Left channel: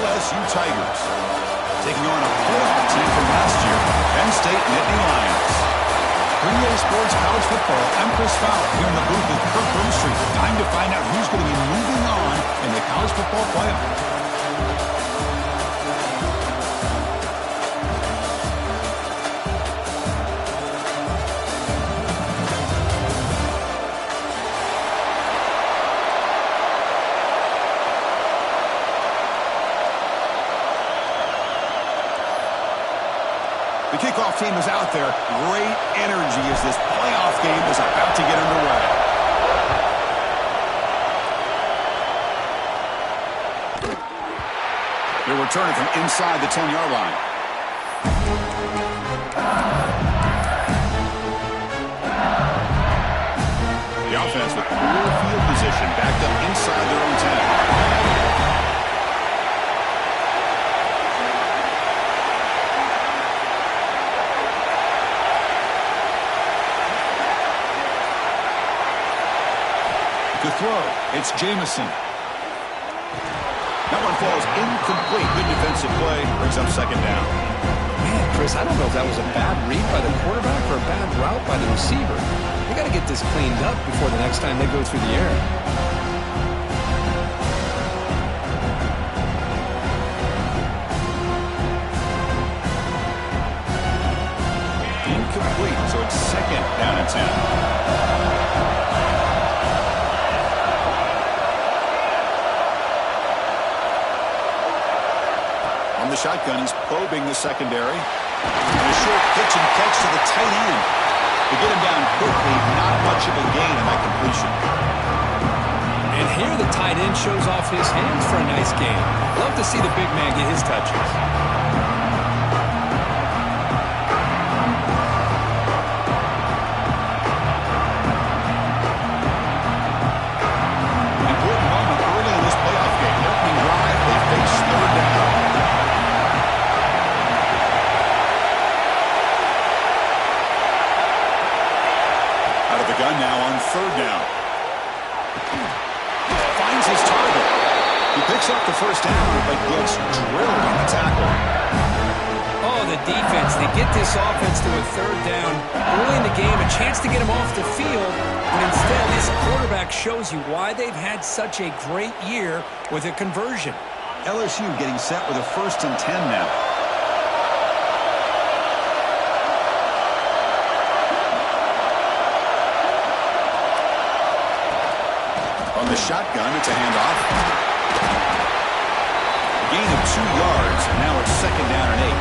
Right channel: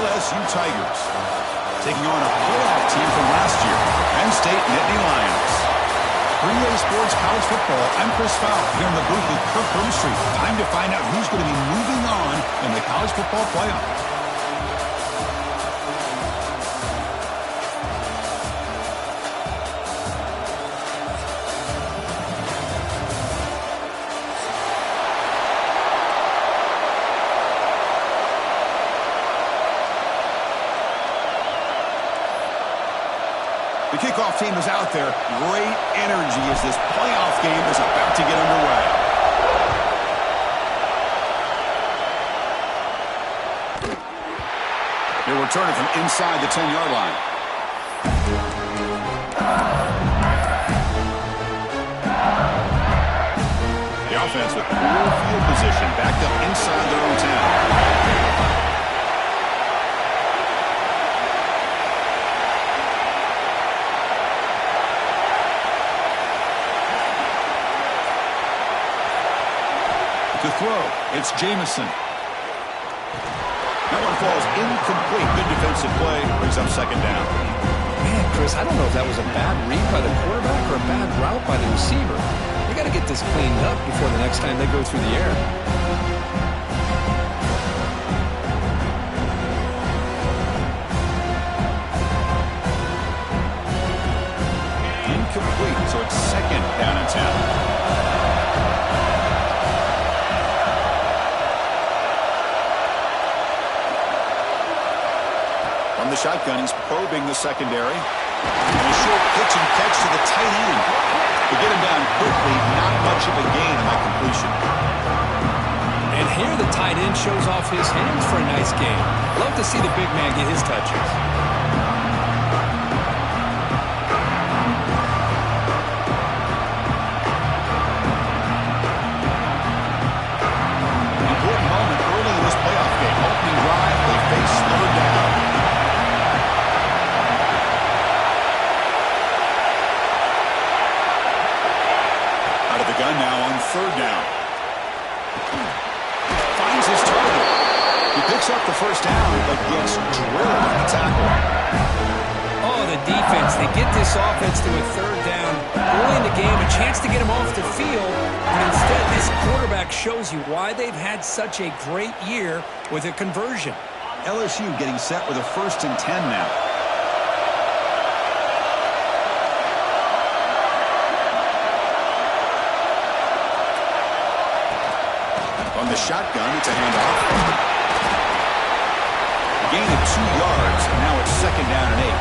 LSU Tigers, taking on a playoff team from last year, Penn State Nittany Lions. 3A Sports College Football, I'm Chris Fowler here in the booth with Kirk Broomstreet. Time to find out who's going to be moving on in the college football playoff. The kickoff team is out there. Great energy as this playoff game is about to get underway. They're returning from inside the 10-yard line. The offense with poor field position backed up inside their own 10. To throw, it's Jamison. That one falls incomplete. Good defensive play. Brings up second down. Man, Chris, I don't know if that was a bad read by the quarterback or a bad route by the receiver. They got to get this cleaned up before the next time they go through the air. Incomplete, so it's second down and 10. On the shotgun, he's probing the secondary. And a short pitch and catch to the tight end. To get him down quickly, not much of a gain on that completion. And here the tight end shows off his hands for a nice game. Love to see the big man get his touches. Important moment early in this playoff game. Opening drive, they face third down. Out of the gun now on third down. Finds his target. He picks up the first down, but gets drilled on the tackle. Oh, the defense. They get this offense to a third down early in the game, a chance to get him off the field, but instead this quarterback shows you why they've had such a great year with a conversion. LSU getting set with a 1st and 10 now. On the shotgun, it's a handoff. A gain of 2 yards. Now it's second down and 8.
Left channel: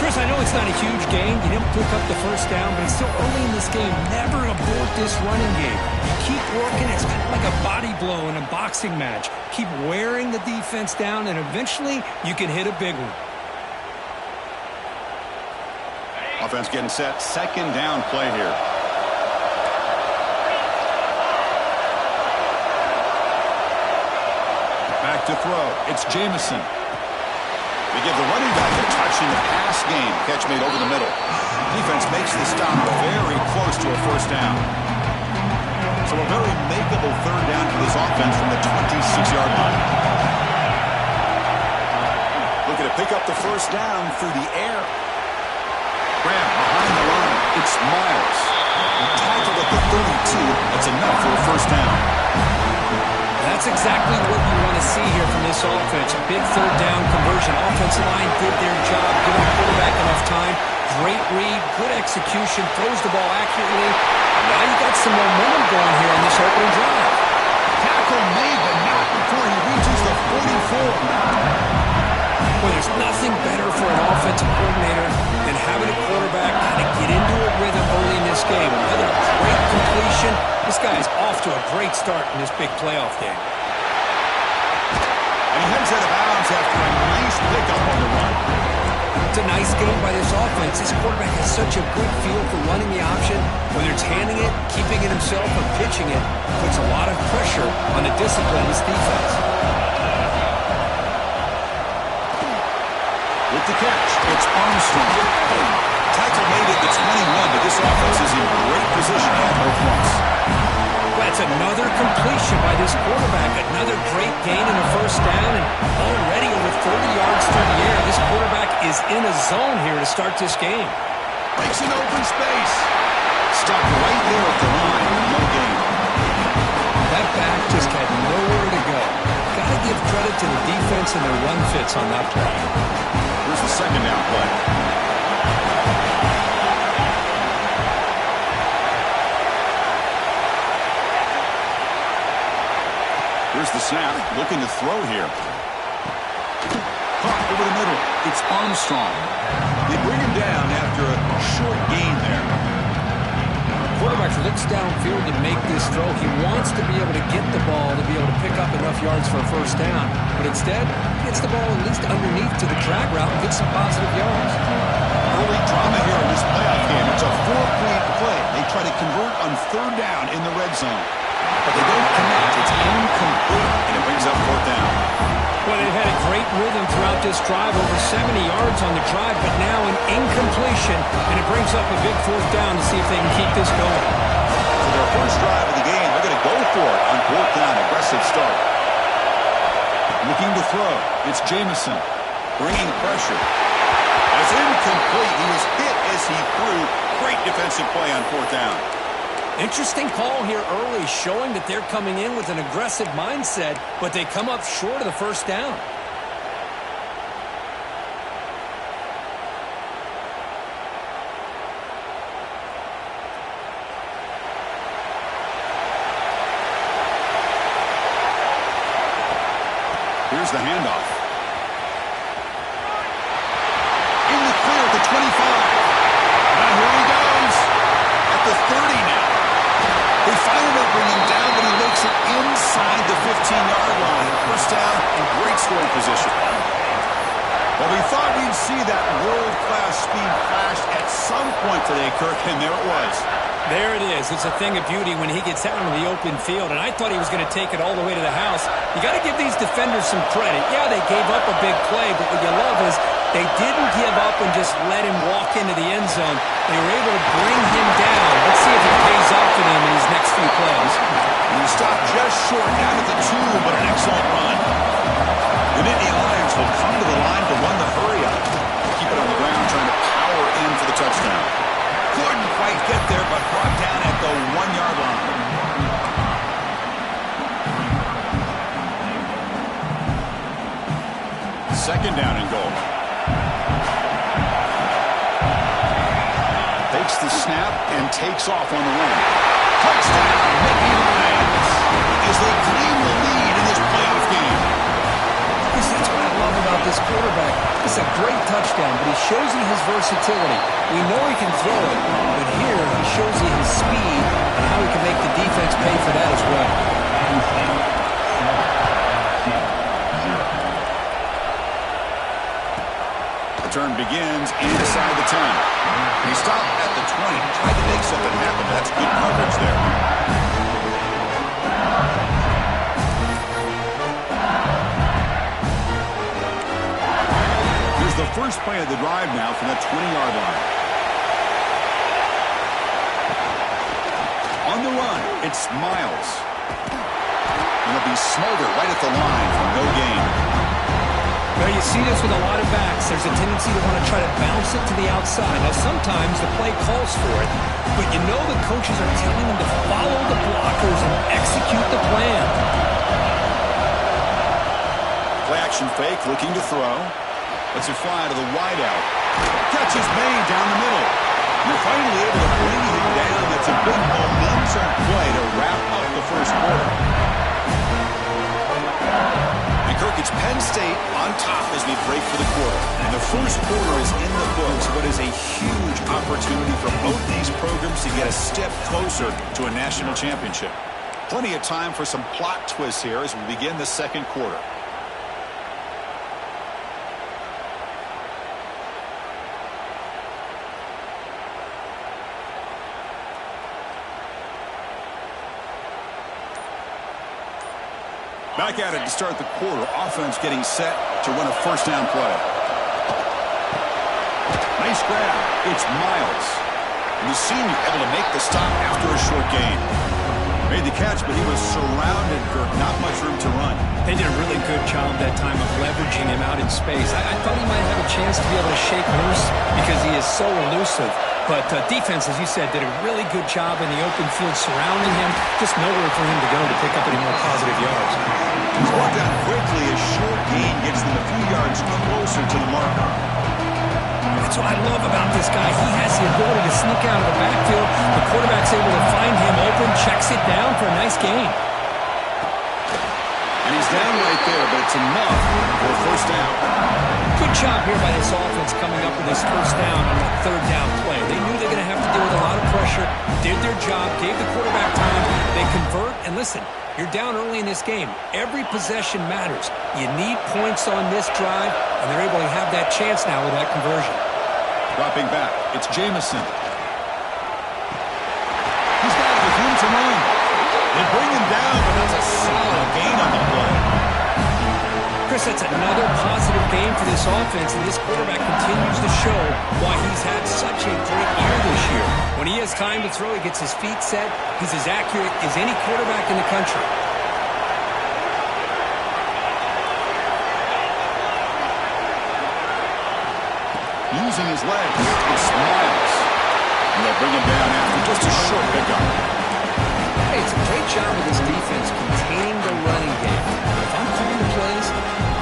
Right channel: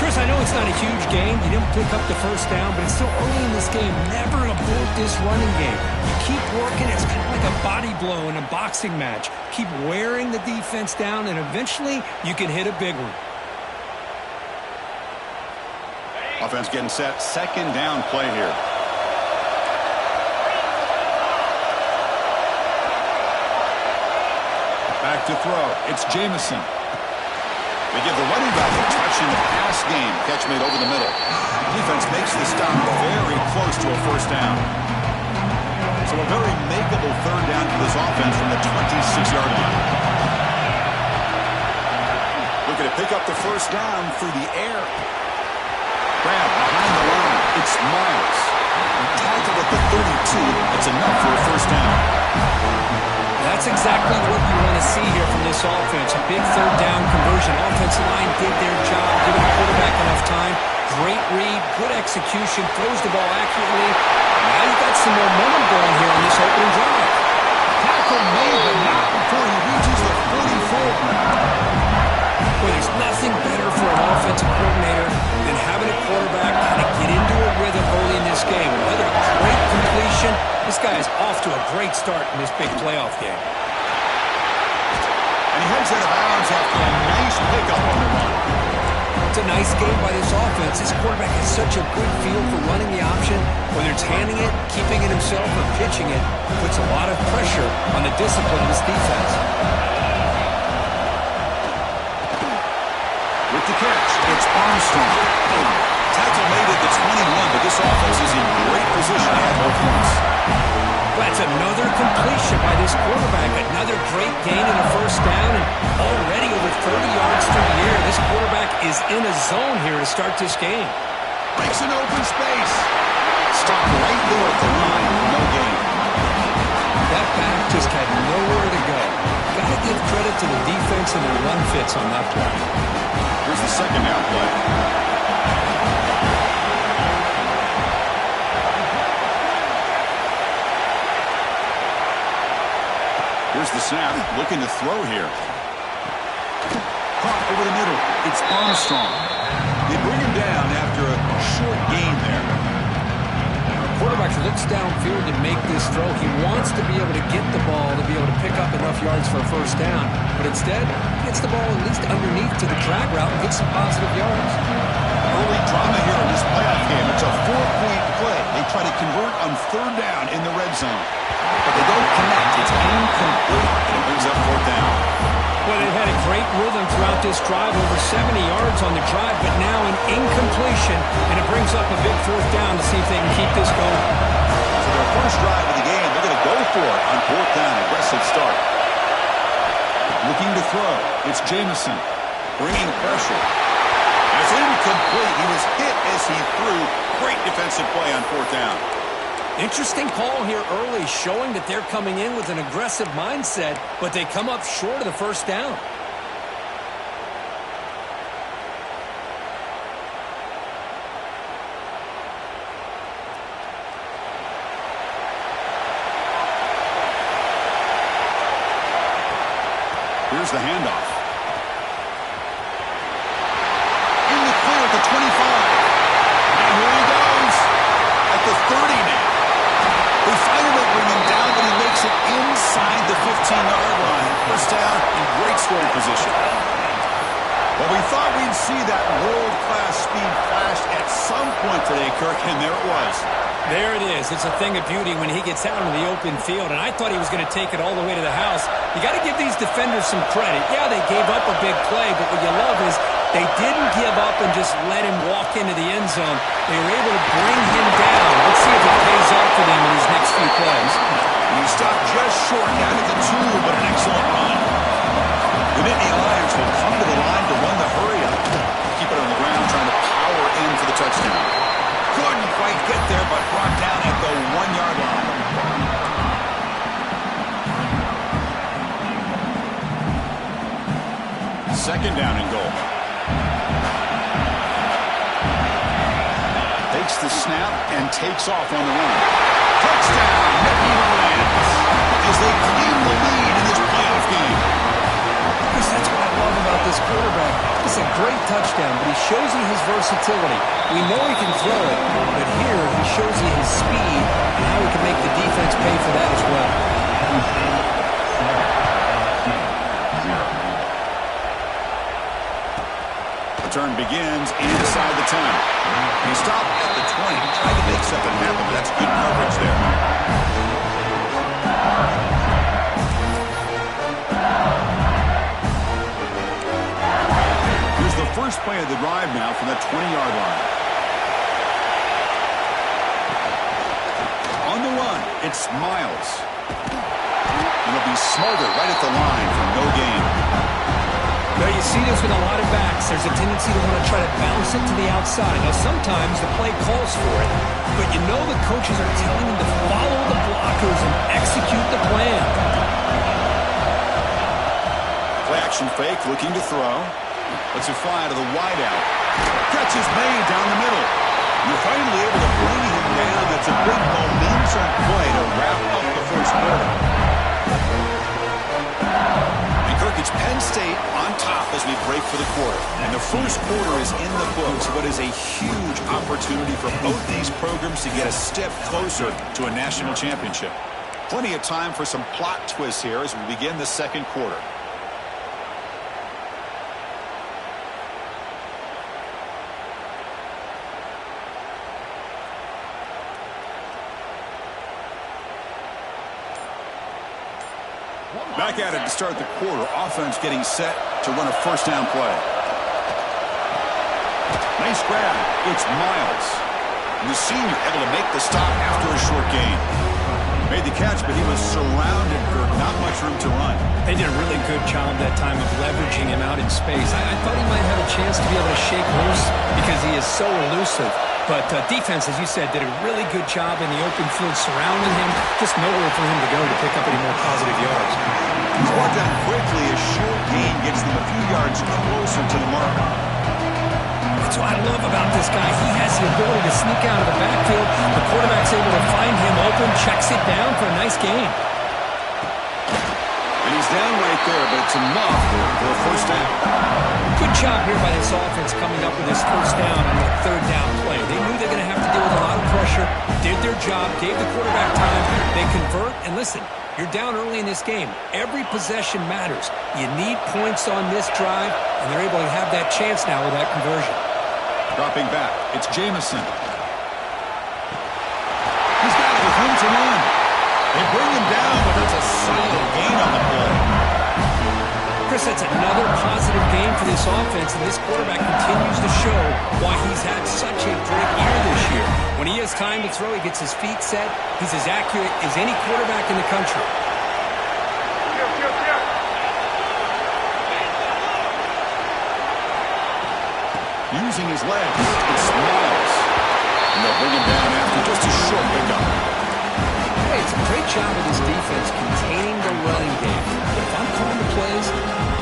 Chris, I know it's not a huge gain. You didn't pick up the first down, but it's still early in this game. Never abort this running game. You keep working. It's kind of like a body blow in a boxing match. Keep wearing the defense down, and eventually you can hit a big one. Offense getting set. Second down play here. Back to throw. It's Jamison. They give the running back a touch in the pass game. Catch made over the middle. Defense makes the stop very close to a first down. So a very makeable third down for this offense from the 26-yard line. Looking to pick up the first down through the air. Grab behind the line. It's Miles. Tackled at the 32. That's enough for a first down. That's exactly what you want to see here from this offense. A big third down conversion. Offensive line did their job, giving the quarterback enough time. Great read, good execution, throws the ball accurately. Now you got some momentum going here on this opening drive. Tackle made, but not before he reaches the 44. Well, there's nothing better for an offensive coordinator than having a quarterback kind of get into a rhythm early in this game. Another great completion. This guy is off to a great start in this big playoff game. And he heads out of bounds after a nice pickup on the run. It's a nice game by this offense. This quarterback has such a good feel for running the option. Whether it's handing it, keeping it himself, or pitching it, puts a lot of pressure on the discipline of this defense. With the catch, it's Armstrong. Tackle made at the 21, but this offense is in great position at both fronts. Well, that's another completion by this quarterback. Another great gain in a first down, and already over 30 yards through the air. This quarterback is in a zone here to start this game. Breaks an open space. Stopped right there at the line. No gain. That back just had nowhere to go. Got to give credit to the defense and their run fits on that play. Here's the second down play. Here's the snap, looking to throw here. Caught over the middle. It's Armstrong. They bring him down after a short gain there. Quarterback looks downfield to make this throw. He wants to be able to get the ball to be able to pick up enough yards for a first down. But instead, he gets the ball at least underneath to the drag route and gets some positive yards. Early drama here in this playoff game. It's a 4-point play. They try to convert on third down in the red zone. But they don't connect. It's incomplete, and it brings up fourth down. Well, they've had a great rhythm throughout this drive, over 70 yards on the drive, but now an incompletion, and it brings up a big fourth down to see if they can keep this going. So their first drive of the game, they're going to go for it on fourth down. Aggressive start. Looking to throw. It's Jamison. Bringing pressure. That's incomplete. He was hit as he threw. Great defensive play on fourth down. Interesting call here early, showing that they're coming in with an aggressive mindset, but they come up short of the first down. Here's the handoff. In the clear at the 25. Now here he goes. At the 30 now. They finally bring him down, but he makes it inside the 15-yard line. First down in great scoring position. Well, we thought we'd see that world-class speed flash at some point today, Kirk, and there it was. There it is. It's a thing of beauty when he gets out into the open field, and I thought he was going to take it all the way to the house. You got to give these defenders some credit. Yeah, they gave up a big play, but what you love is they didn't give up and just let him walk into the end zone. They were able to bring him down. Let's see if it pays off for them in his next few plays. And he stopped just short down at the 2, but an excellent run. The Nittany Lions will come to the line to run the hurry up. Keep it on the ground, trying to power in for the touchdown. Couldn't quite get there, but brought down at the 1-yard line. Second down and goal. Takes the snap and takes off on the run. Touchdown, Nittany Lions, as they claim the lead in this playoff game. That's what I love about this quarterback. It's a great touchdown, but he shows you his versatility. We know he can throw it, but here he shows you his speed and how he can make the defense pay for that as well. Turn begins inside the 10. He stopped at the 20. Tried to make something happen, but that's good coverage there. Here's the first play of the drive now from that 20-yard line. On the run, it's Miles. It'll be Smolder right at the line for no gain. Well, you see this with a lot of backs. There's a tendency to want to try to bounce it to the outside. Now, sometimes the play calls for it, but you know the coaches are telling them to follow the blockers and execute the plan. Play action fake, looking to throw. Lets it fly to the wideout. Catch is made down the middle. You're finally able to bring him down. That's a big momentum play to wrap up the first quarter. Kirk, it's Penn State on top as we break for the quarter. And the first quarter is in the books. What is a huge opportunity for both these programs to get a step closer to a national championship. Plenty of time for some plot twists here as we begin the second quarter. Back at it to start the quarter. Offense getting set to run a first down play. Nice grab. It's Miles. And the senior able to make the stop after a short gain. Made the catch, but he was surrounded, Kirk. Not much room to run. They did a really good job that time of leveraging him out in space. I thought he might have a chance to be able to shake loose because he is so elusive. But defense, as you said, did a really good job in the open field surrounding him. Just nowhere for him to go to pick up any more positive yards. He's brought down quickly. A short gain gets them a few yards closer to the marker. That's what I love about this guy. He has the ability to sneak out of the backfield. The quarterback's able to find him open, checks it down for a nice gain. And he's down right there, but it's enough for a first down. Good job here by this offense coming up with this first down on that third down play. They knew they were going to have to deal with a lot of pressure, did their job, gave the quarterback time. They convert, and listen, you're down early in this game. Every possession matters. You need points on this drive, and they're able to have that chance now with that conversion. Dropping back, it's Jamison. He's got it with room to run. They bring him down, but that's a solid gain on the play. Chris, that's another positive game for this offense, and this quarterback continues to show why he's had such a great year this year. When he has time to throw, he gets his feet set. He's as accurate as any quarterback in the country. Using his legs, it's Miles. And they'll bring him down after just a short pickup. Hey, it's a great job of this defense containing the running game. But if I'm calling the plays,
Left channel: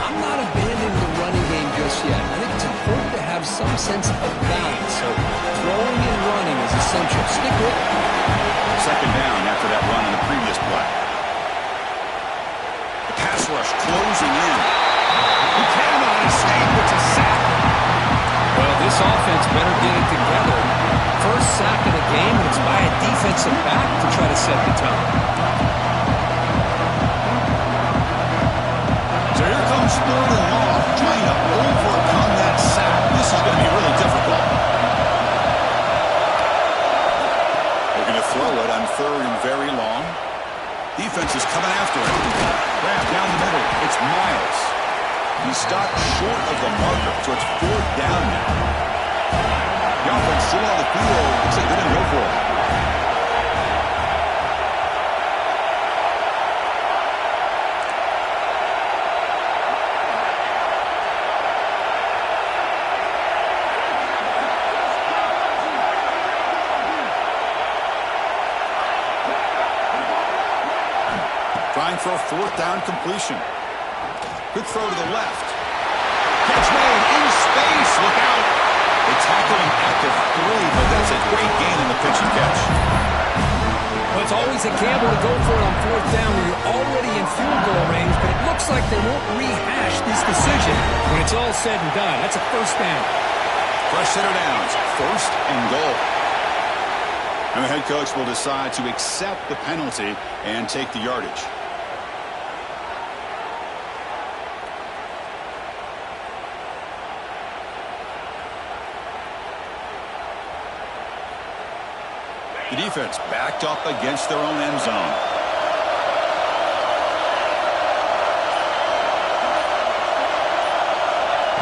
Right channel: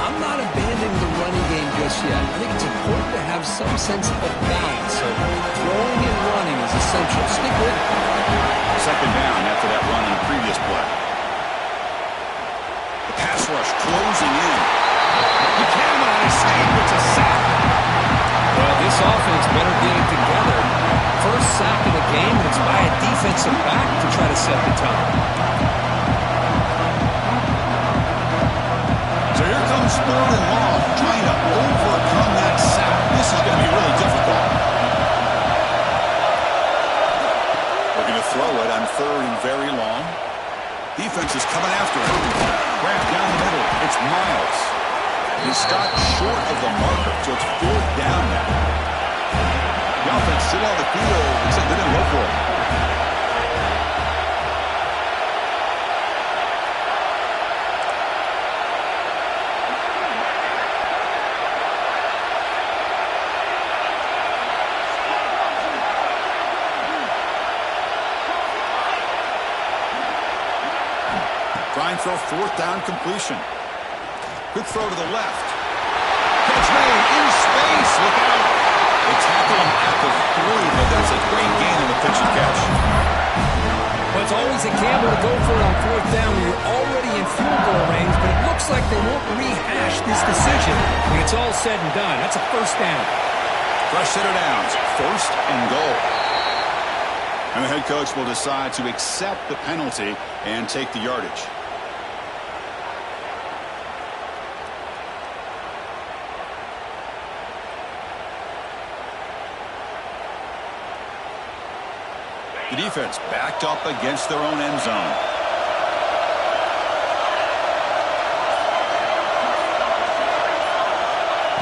I'm not abandoning the running game just yet. I think it's important to have some sense of balance. So throwing and running is essential. Stick with it. Second down after that run on the previous play. The pass rush closing in. He cannot escape. It's a sack. Well, this offense better get it together. First sack of the game, and it's by a defensive back to try to set the tone. So here comes third and long, trying to overcome that sack. This is going to be really difficult. We're going to throw it on third and very long. Defense is coming after him. Grab down the middle. It's Miles. He's stopped short of the marker, so it's fourth down now. The offense still on the field. Looks like they're going to go for it. Trying for a fourth down completion. Quick throw to the left. Catch made in space. Look out. They tackle him at the 3, but that's a great gain in the pitch and catch. Well, it's always a gamble to go for it on fourth down when you're already in field goal range, but it looks like they won't rehash this decision when it's all said and done. That's a first down. Fresh set of downs. First and goal. And the head coach will decide to accept the penalty and take the yardage. The defense backed up against their own end zone.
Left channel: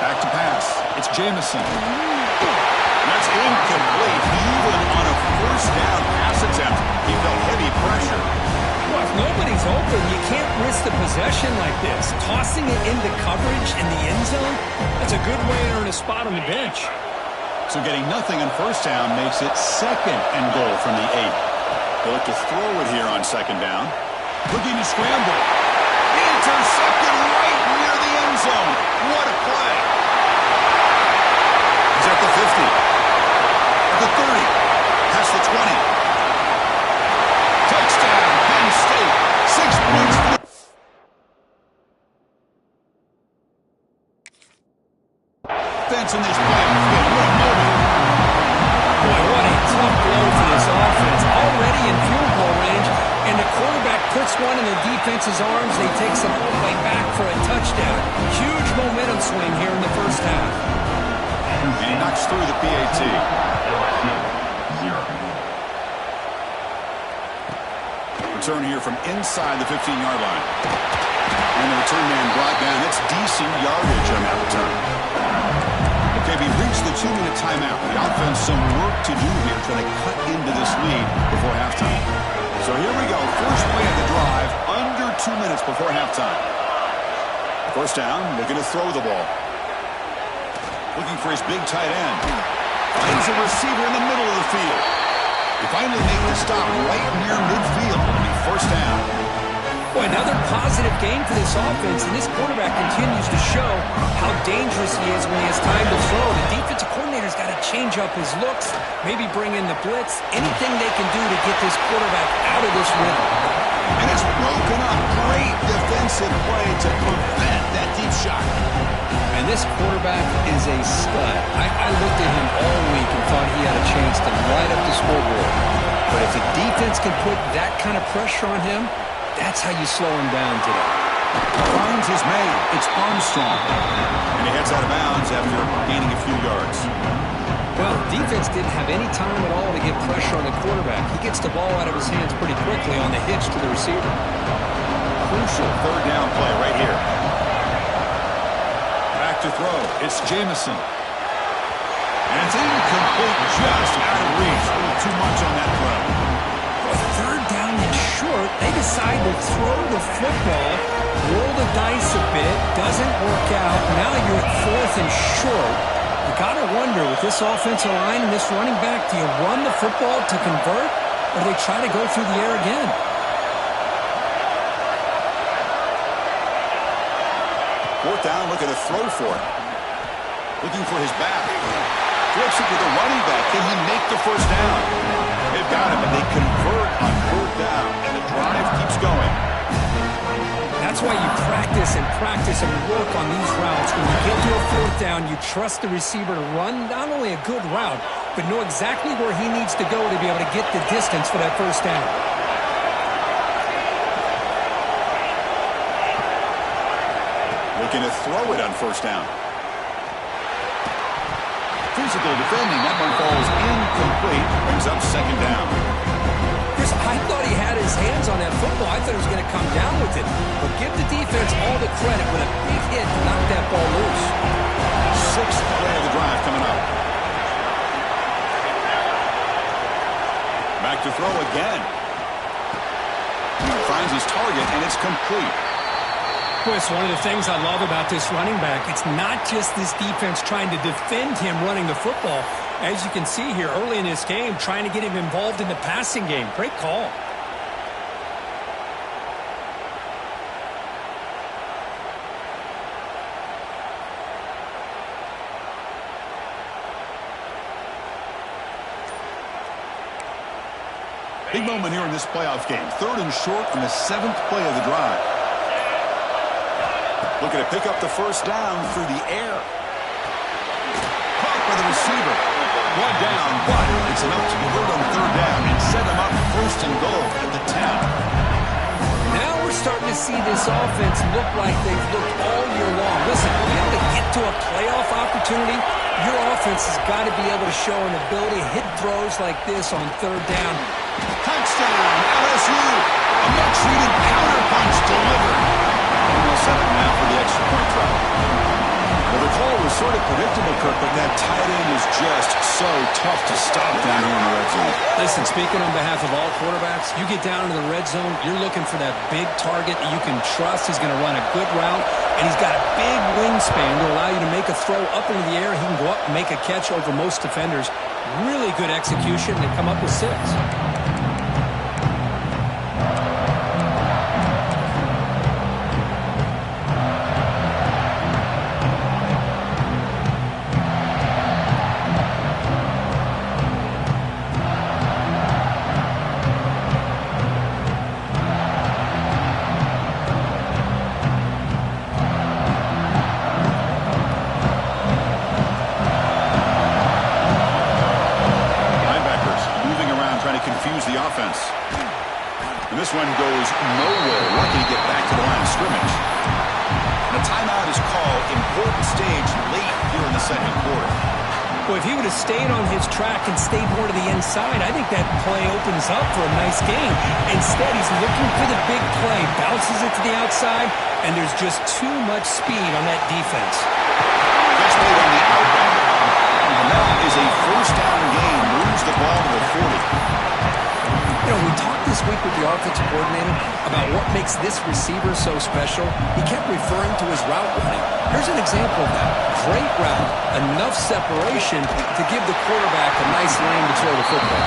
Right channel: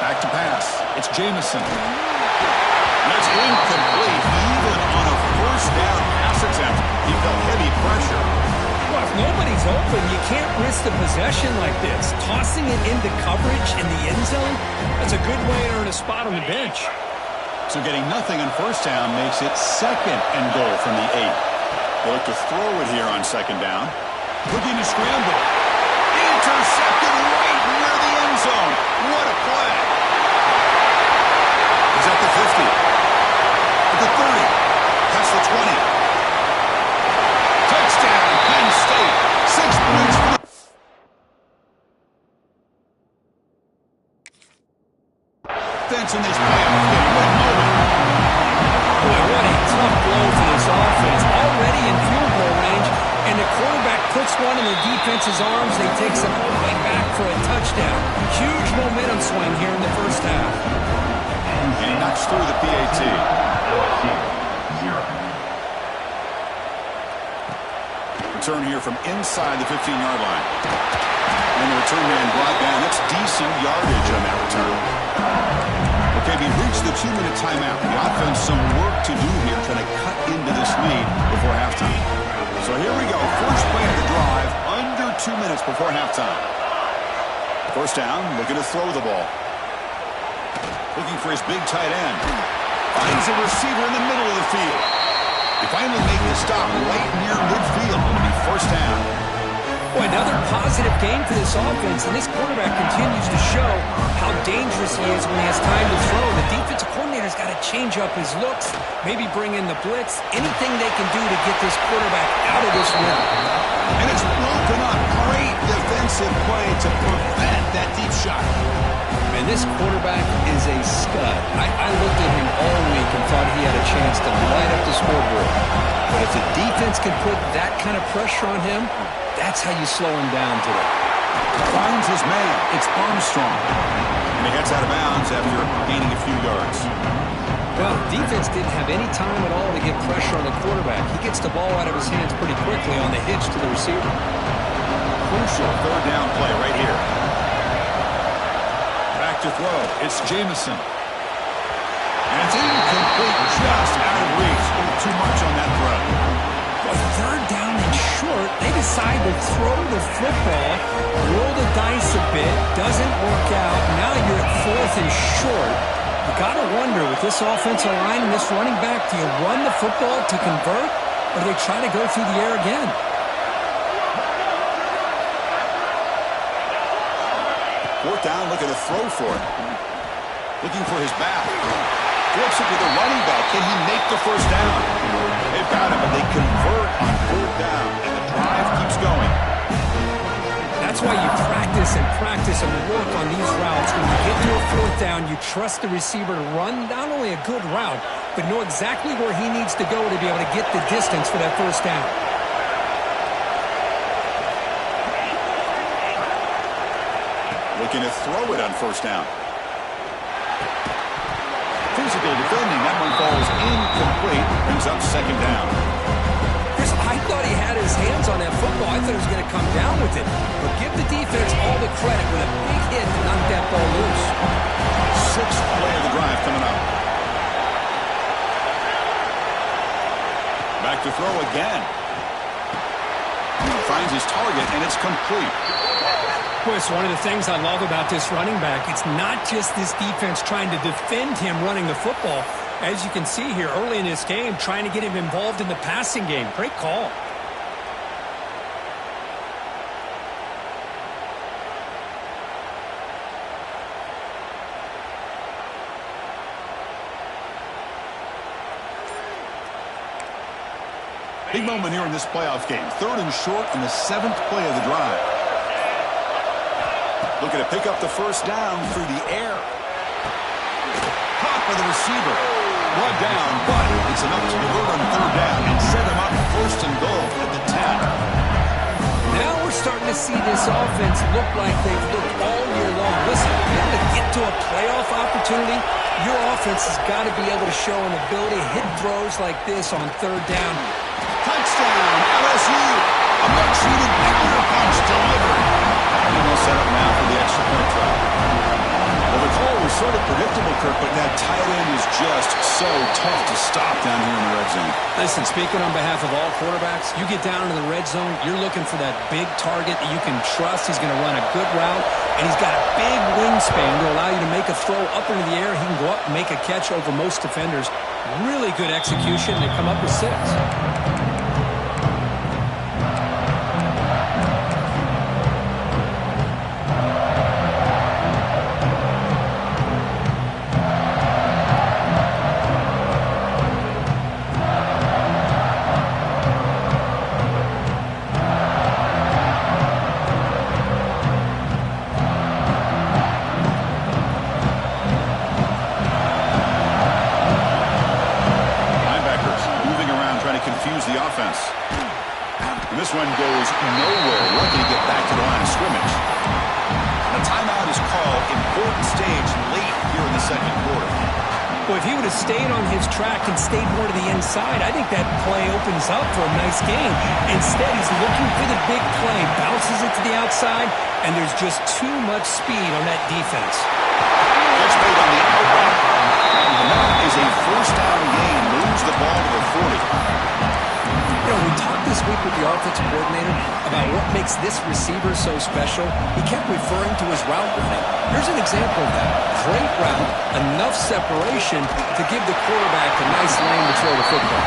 Back to pass. It's Jamison. That's incomplete. Even on a first down pass attempt, he felt heavy pressure. Well, if nobody's open, you can't risk the possession like this. Tossing it into coverage in the end zone, that's a good way to earn a spot on the bench. So getting nothing on first down makes it second and goal from the 8. They look to throw it here on second down. Looking to scramble. Intercepted right near the end zone. What a play. He's at the 50. At the 30. Past the 20. Touchdown, Penn State. 6 points for the defense in this playoff game. What a moment. Boy, what a tough blow for this offense. Already in field goal range, and the quarterback puts one in the defense's arms. They take some all the way back for a touchdown. Huge momentum swing here in the first half. And he knocks through the PAT. LSU 0. Return here from inside the 15-yard line. And the return man brought down. That's decent yardage on that return. Okay, we reached the 2-minute timeout. The offense some work to do here trying to cut into this lead before halftime. So here we go. First play of the drive, under 2 minutes before halftime. First down, looking to throw the ball. Looking for his big tight end. Finds a receiver in the middle of the field. They finally make the stop right near midfield. It'll be first down. Boy, another positive game for this offense, and this quarterback continues to show how dangerous he is when he has time to throw. The defensive coordinator's got to change up his looks, maybe bring in the blitz, anything they can do to get this quarterback out of this rhythm. And it's broken up. Great defensive play to prevent that deep shot. And this quarterback is a stud. I looked at him all week and thought he had a chance to light up the scoreboard. But if the defense can put that kind of pressure on him, that's how you slow him down today. Finds his man. It's Armstrong. And he heads out of bounds after gaining a few yards. Well, defense didn't have any time at all to get pressure on the quarterback. He gets the ball out of his hands pretty quickly on the hitch to the receiver. Crucial third down play right here. Back to throw. It's Jamison. And it's incomplete, just out of reach. A little too much on that throw. Boy, third down and short. They decide to throw the football, roll the dice a bit, doesn't work out. Now you're at fourth and short. You got to wonder, with this offensive line and this running back, do you run the football to convert, or do they try to go through the air again? Fourth down, looking to throw for it. Looking for his back. Flips it to the running back. Can he make the first down? They've got him, but they convert on fourth down, and the drive keeps going. That's why you practice and work on these routes. When you get to a fourth down, you trust the receiver to run not only a good route, but know exactly where he needs to go to be able to get the distance for that first down. Looking to throw it on first down. Physical defending. That one falls incomplete. Brings up second down. Chris, I thought he had his hands on that football. I thought he was going to come down with it. But give the defense all the credit with a big hit to knock that ball loose. Sixth play of the drive coming up. Back to throw again. Finds his target, and it's complete. Boy, it's one of the things I love about this running back. It's not just this defense trying to defend him running the football. As you can see here early in this game, trying to get him involved in the passing game. Great call. Big moment here in this playoff game. Third and short on the seventh play of the drive. Looking to pick up the first down through the air. Caught by the receiver. Blood down, but it's enough to convert on third down and set them up first and goal at the 10. Now we're starting to see this offense look like they've looked all year long. Listen, to be able to get to a playoff opportunity, your offense has got to be able to show an ability to hit throws like this on third down. Touchdown, LSU. A much-needed counterpunch delivered. And they'll set up now for the extra point try. Well, the call was sort of predictable, Kirk, but that tight end is just so tough to stop down here in the red zone. Listen, speaking on behalf of all quarterbacks, you get down into the red zone, you're looking for that big target that you can trust. He's going to run a good route, and he's got a big wingspan to allow you to make a throw up into the air. He can go up and make a catch over most defenders. Really good execution. They come up with 6. Confuse the offense. And this one goes nowhere. Lucky to get back to the line of scrimmage. And a timeout is called. Important stage late here in the second quarter. Well, if he would have stayed on his track and stayed more to the inside, I think that play opens up for a nice game. Instead, he's looking for the big play, bounces it to the outside, and there's just too much speed on that defense. Gets made on the outback. And that is a first down gain. Moves the ball to the 40. You know, we talked this week with the offensive coordinator about what makes this receiver so special. He kept referring to his route running. Here's an example of that. Great route, enough separation to give the quarterback a nice lane to throw the football.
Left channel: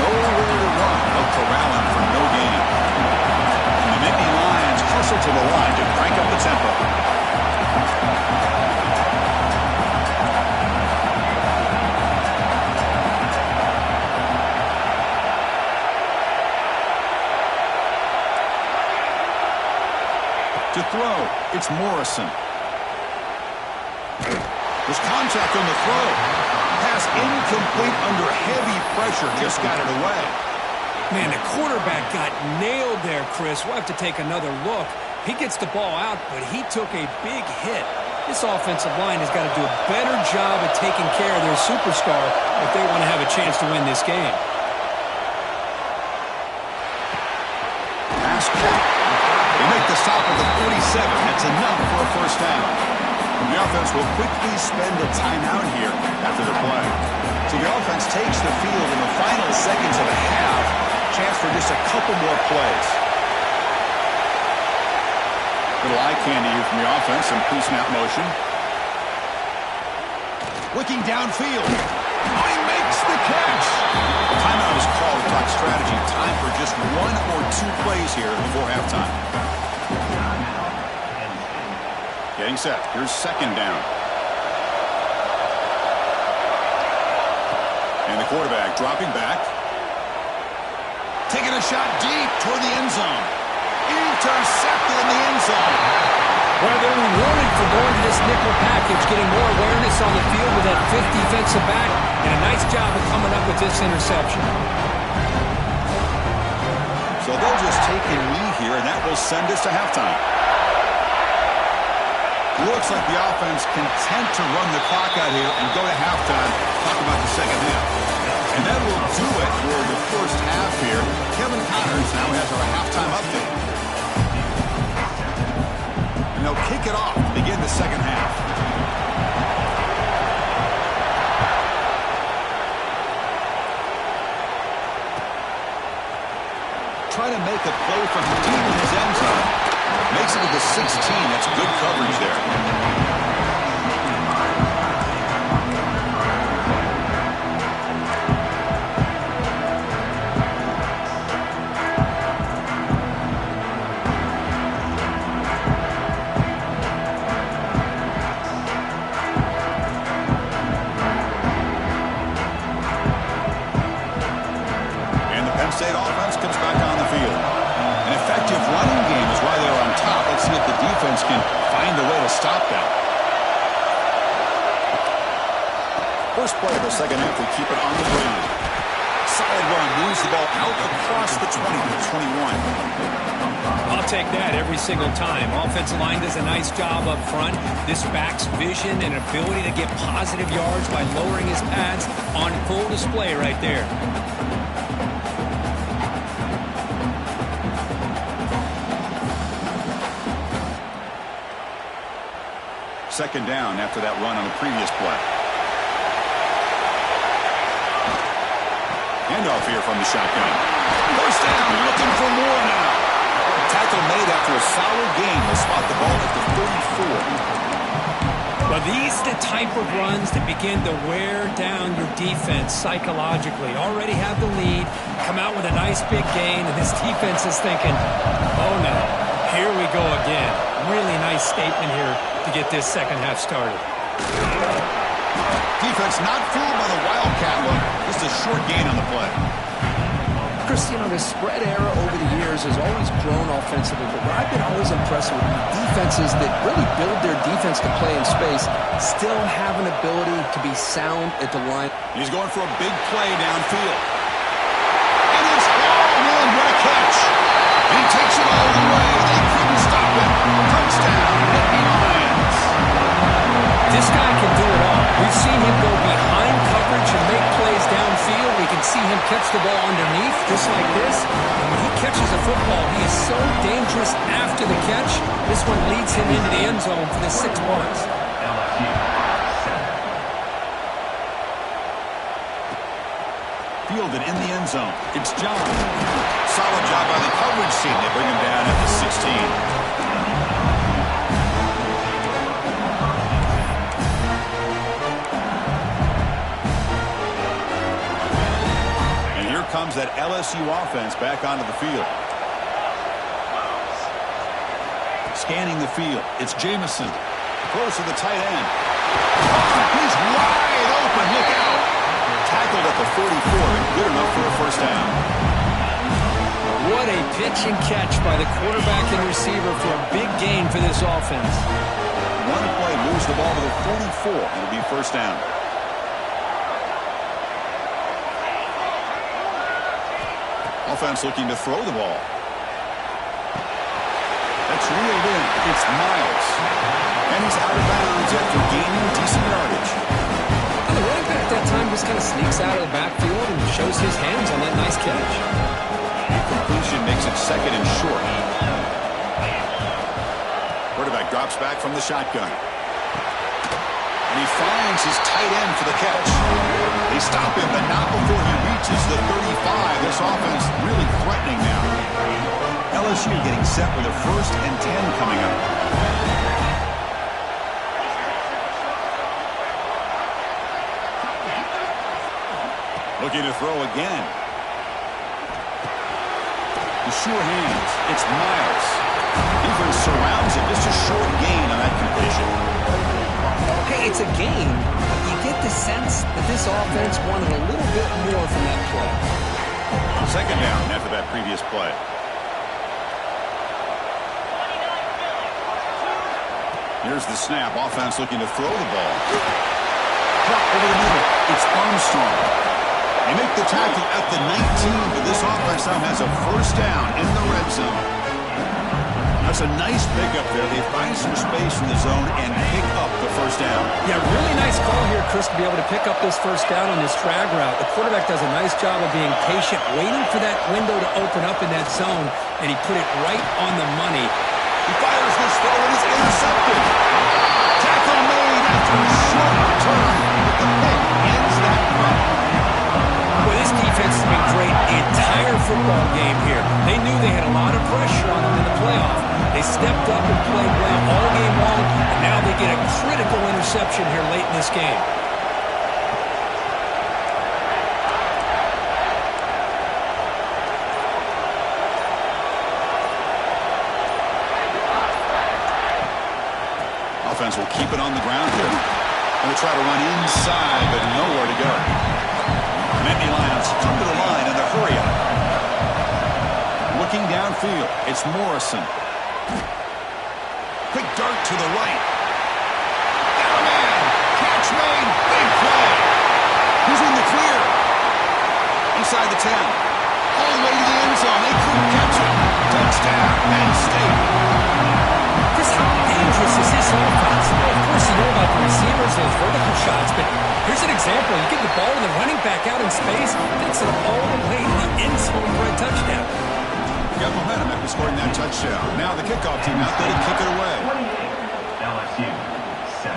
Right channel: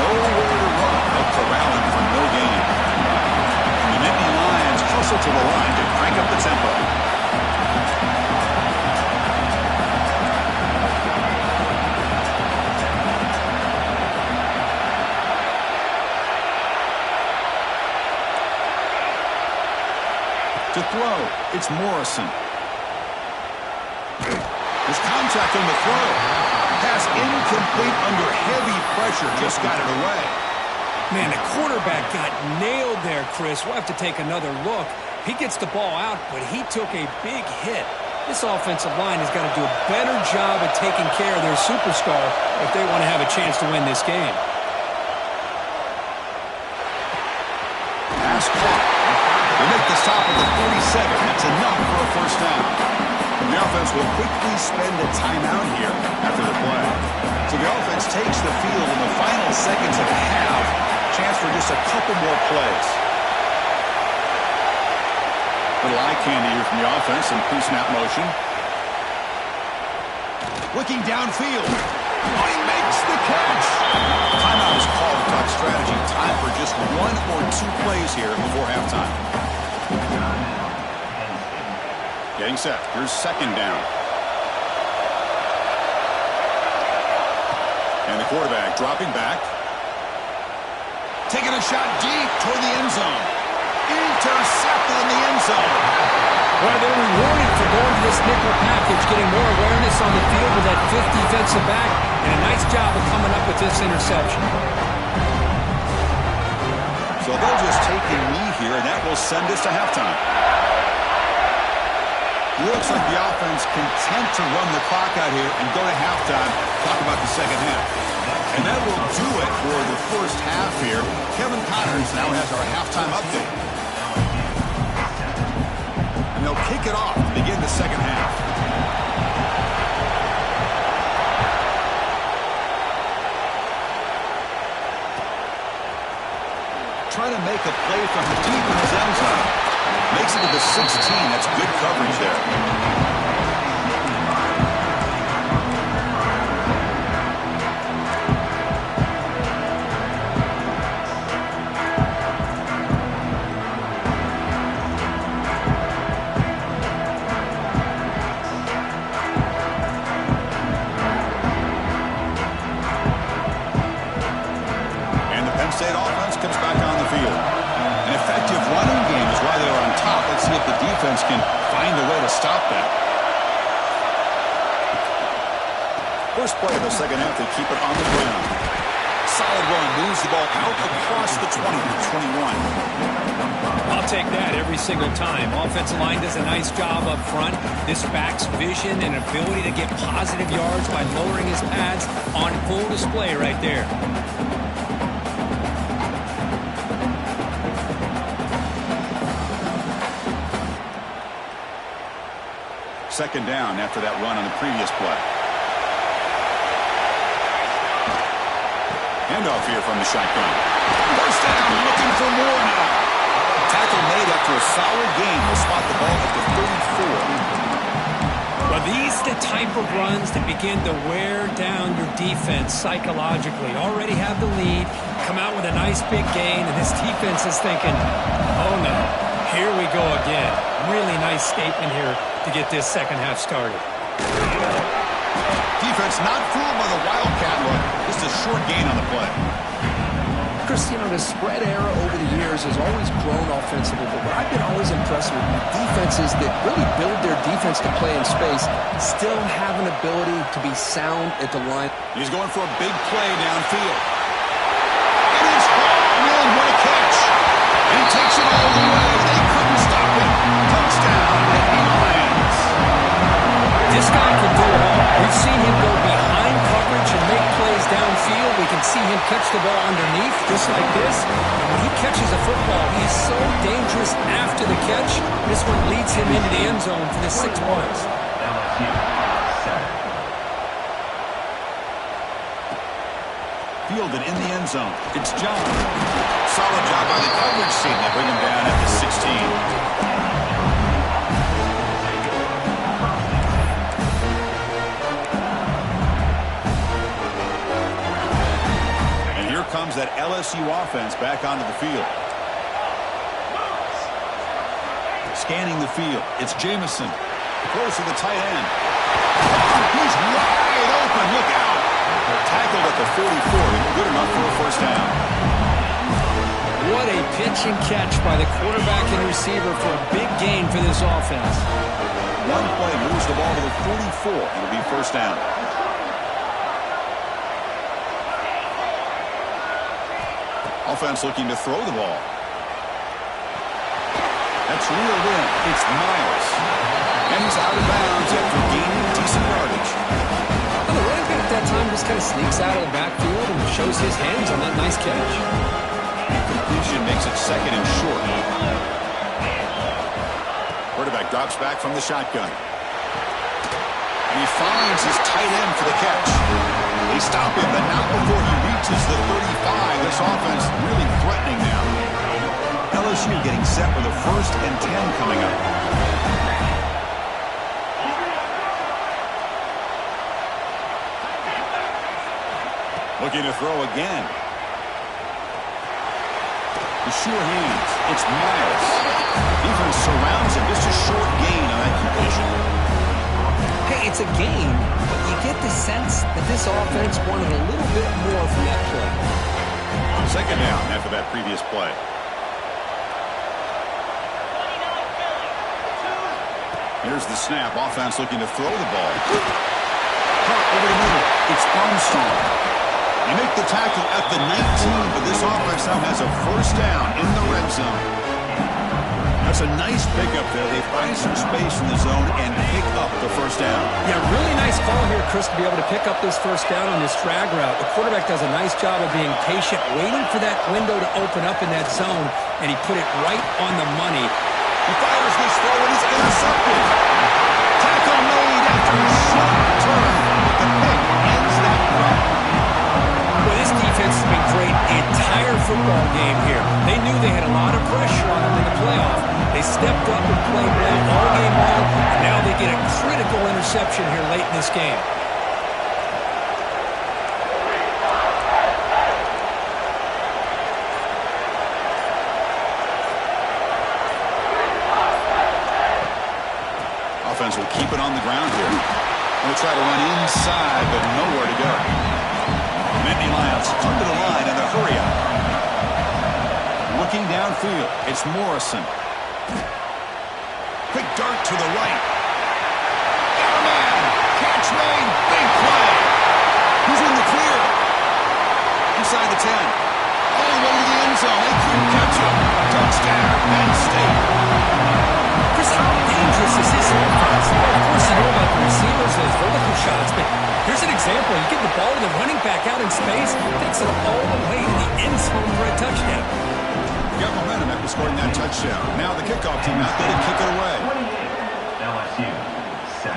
Nowhere to run. They'll corral him for no gain. And the Nittany Lions hustle to the line to crank up the tempo. To throw, it's Morrison. There's contact on the throw. Pass incomplete under heavy pressure. Just got it away. Man, the quarterback got nailed there, Chris. We'll have to take another look. He gets the ball out, but he took a big hit. This offensive line has got to do a better job at taking care of their superstar if they want to have a chance to win this game. Pass clock. They make the stop at the 47. That's enough for a first down. The offense will quickly spend a timeout here after the play. So the offense takes the field in the final seconds of the half. Chance for just a couple more plays. Little eye candy here from the offense. Some pre-snap motion. Looking downfield. Oh, he makes the catch. Timeout is called to talk strategy. Time for just one or two plays here before halftime. Getting set. Here's second down. And the quarterback dropping back. Taking a shot deep toward the end zone. Intercepted in the end zone. Well, they're rewarded for going to this nickel package, getting more awareness on the field with that fifth defensive back, and a nice job of coming up with this interception. So they'll just take a knee here, and that will send us to halftime. Looks like the offense content to run the clock out here and go to halftime. Talk about the second half. And that will do it for the first half here. Kevin Connors now has our halftime update. And they'll kick it off to begin the second half. Trying to make a play from deep in his end zone. Makes it to the 16. That's good coverage there. State offense comes back on the field. An effective running game is why they're on top. Let's see if the defense can find a way to stop that. First play of the second half, they keep it on the ground. Solid run, moves the ball out across the 20 to 21. I'll take that every single time. Offensive line does a nice job up front. This back's vision and ability to get positive yards by lowering his pads on full display right there. Second down after that run on the previous play. Handoff here from the shotgun. First down, looking for more now. Tackle made after a solid gain. They'll spot the ball at the 34. Well, these are the type of runs that begin to wear down your defense psychologically. Already have the lead, come out with a nice big gain, and this defense is thinking, oh no, here we go again. Really nice statement here to get this second half started. Defense not fooled by the Wildcat look. Just a short gain on the play. Chris, you know, the spread era over the years has always grown offensively, but what I've been always impressed with defenses that really build their defense to play in space still have an ability to be sound at the line. He's going for a big play downfield. It is hauled in. What a catch. And he takes it all the way. They couldn't stop him. Touchdown, Nittany Lions. This guy can do it all. We've seen him go behind coverage and make plays downfield. We can see him catch the ball underneath, just like this. And when he catches a football, he is so dangerous after the catch. This one leads him into the end zone for the 6 points. LSU 7. fielded in the end zone. It's John. Solid job by the coverage team. They bring him down at the 16. And here comes that LSU offense back onto the field. Scanning the field. It's Jamison. Close to the tight end. Oh, he's wide open. Look out. Tackled at the 44, but good enough for a first down. What a pitch and catch by the quarterback and receiver for a big gain for this offense. One play moves the ball to the 44. It'll be first down. Offense looking to throw the ball. That's reeled in. It's Miles. And he's out of bounds after gaining decent yardage. Well, the running back that time just kind of sneaks out of the backfield and shows his hands on that nice catch. Completion makes it second and short. Quarterback drops back from the shotgun. And he finds his tight end for the catch. They stop him, but not before he reaches the 35. This offense really threatening now. LSU getting set with a 1st and 10 coming up. Looking to throw again. The sure hands. It's Miles. Defense surrounds him. Just a short gain on that completion. Hey, it's a gain, but you get the sense that this offense wanted a little bit more from that play. Second down after that previous play. Here's the snap. Offense looking to throw the ball. Caught over the middle. It's Armstrong. They make the tackle at the 19, but this offense now has a first down in the red zone. That's a nice pickup there. They find some space in the zone and pick up the first down. Yeah, really nice call here, Chris, to be able to pick up this first down on this drag route. The quarterback does a nice job of being patient, waiting for that window to open up in that zone, and he put it right on the money. He fires this throw and it's intercepted. Tackle made after a short return, but the pick ends that play. Well, this defense has been great the entire football game here. They knew they had a lot of pressure on them in the playoff. They stepped up and played well all game long, and now they get a critical interception here late in this game. Offense will keep it on the ground here. Going to try to run inside, but nowhere to go. Nittany Lions come to the line in the hurry up. Looking downfield, it's Morrison. Quick dart to the right. Got a man. Catch made. Big play. Who's in the clear? Inside the 10. All the way to the end zone. They couldn't catch him. Touchdown, Penn State. Chris, how dangerous is this offense? Well, of course, you know about the receivers, those vertical shots, but here's an example. You get the ball to the running back out in space, takes it all the way to the end zone for a touchdown. Got momentum after scoring that touchdown. Now the kickoff team out there to kick it away. 28, LSU 7.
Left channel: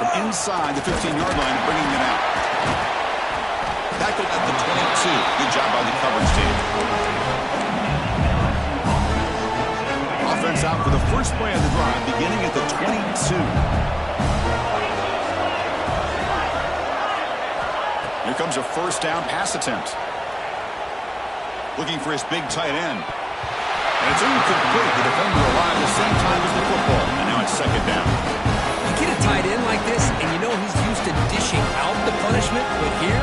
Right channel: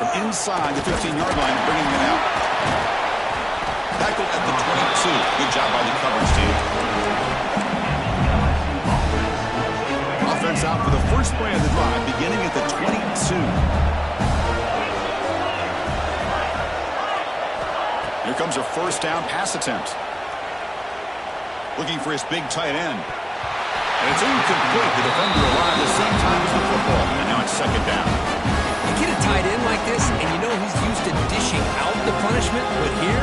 From inside the 15-yard line, bringing it out. Tackled at the 22. Good job by the coverage team. Offense out for the first play of the drive, beginning at the 22. Here comes a first down pass attempt. Looking for his big tight end. And it's incomplete. The defender arrived the same time as the football. And now it's second down. You get a tight end like this, and you know he's used to dishing out the punishment, but here,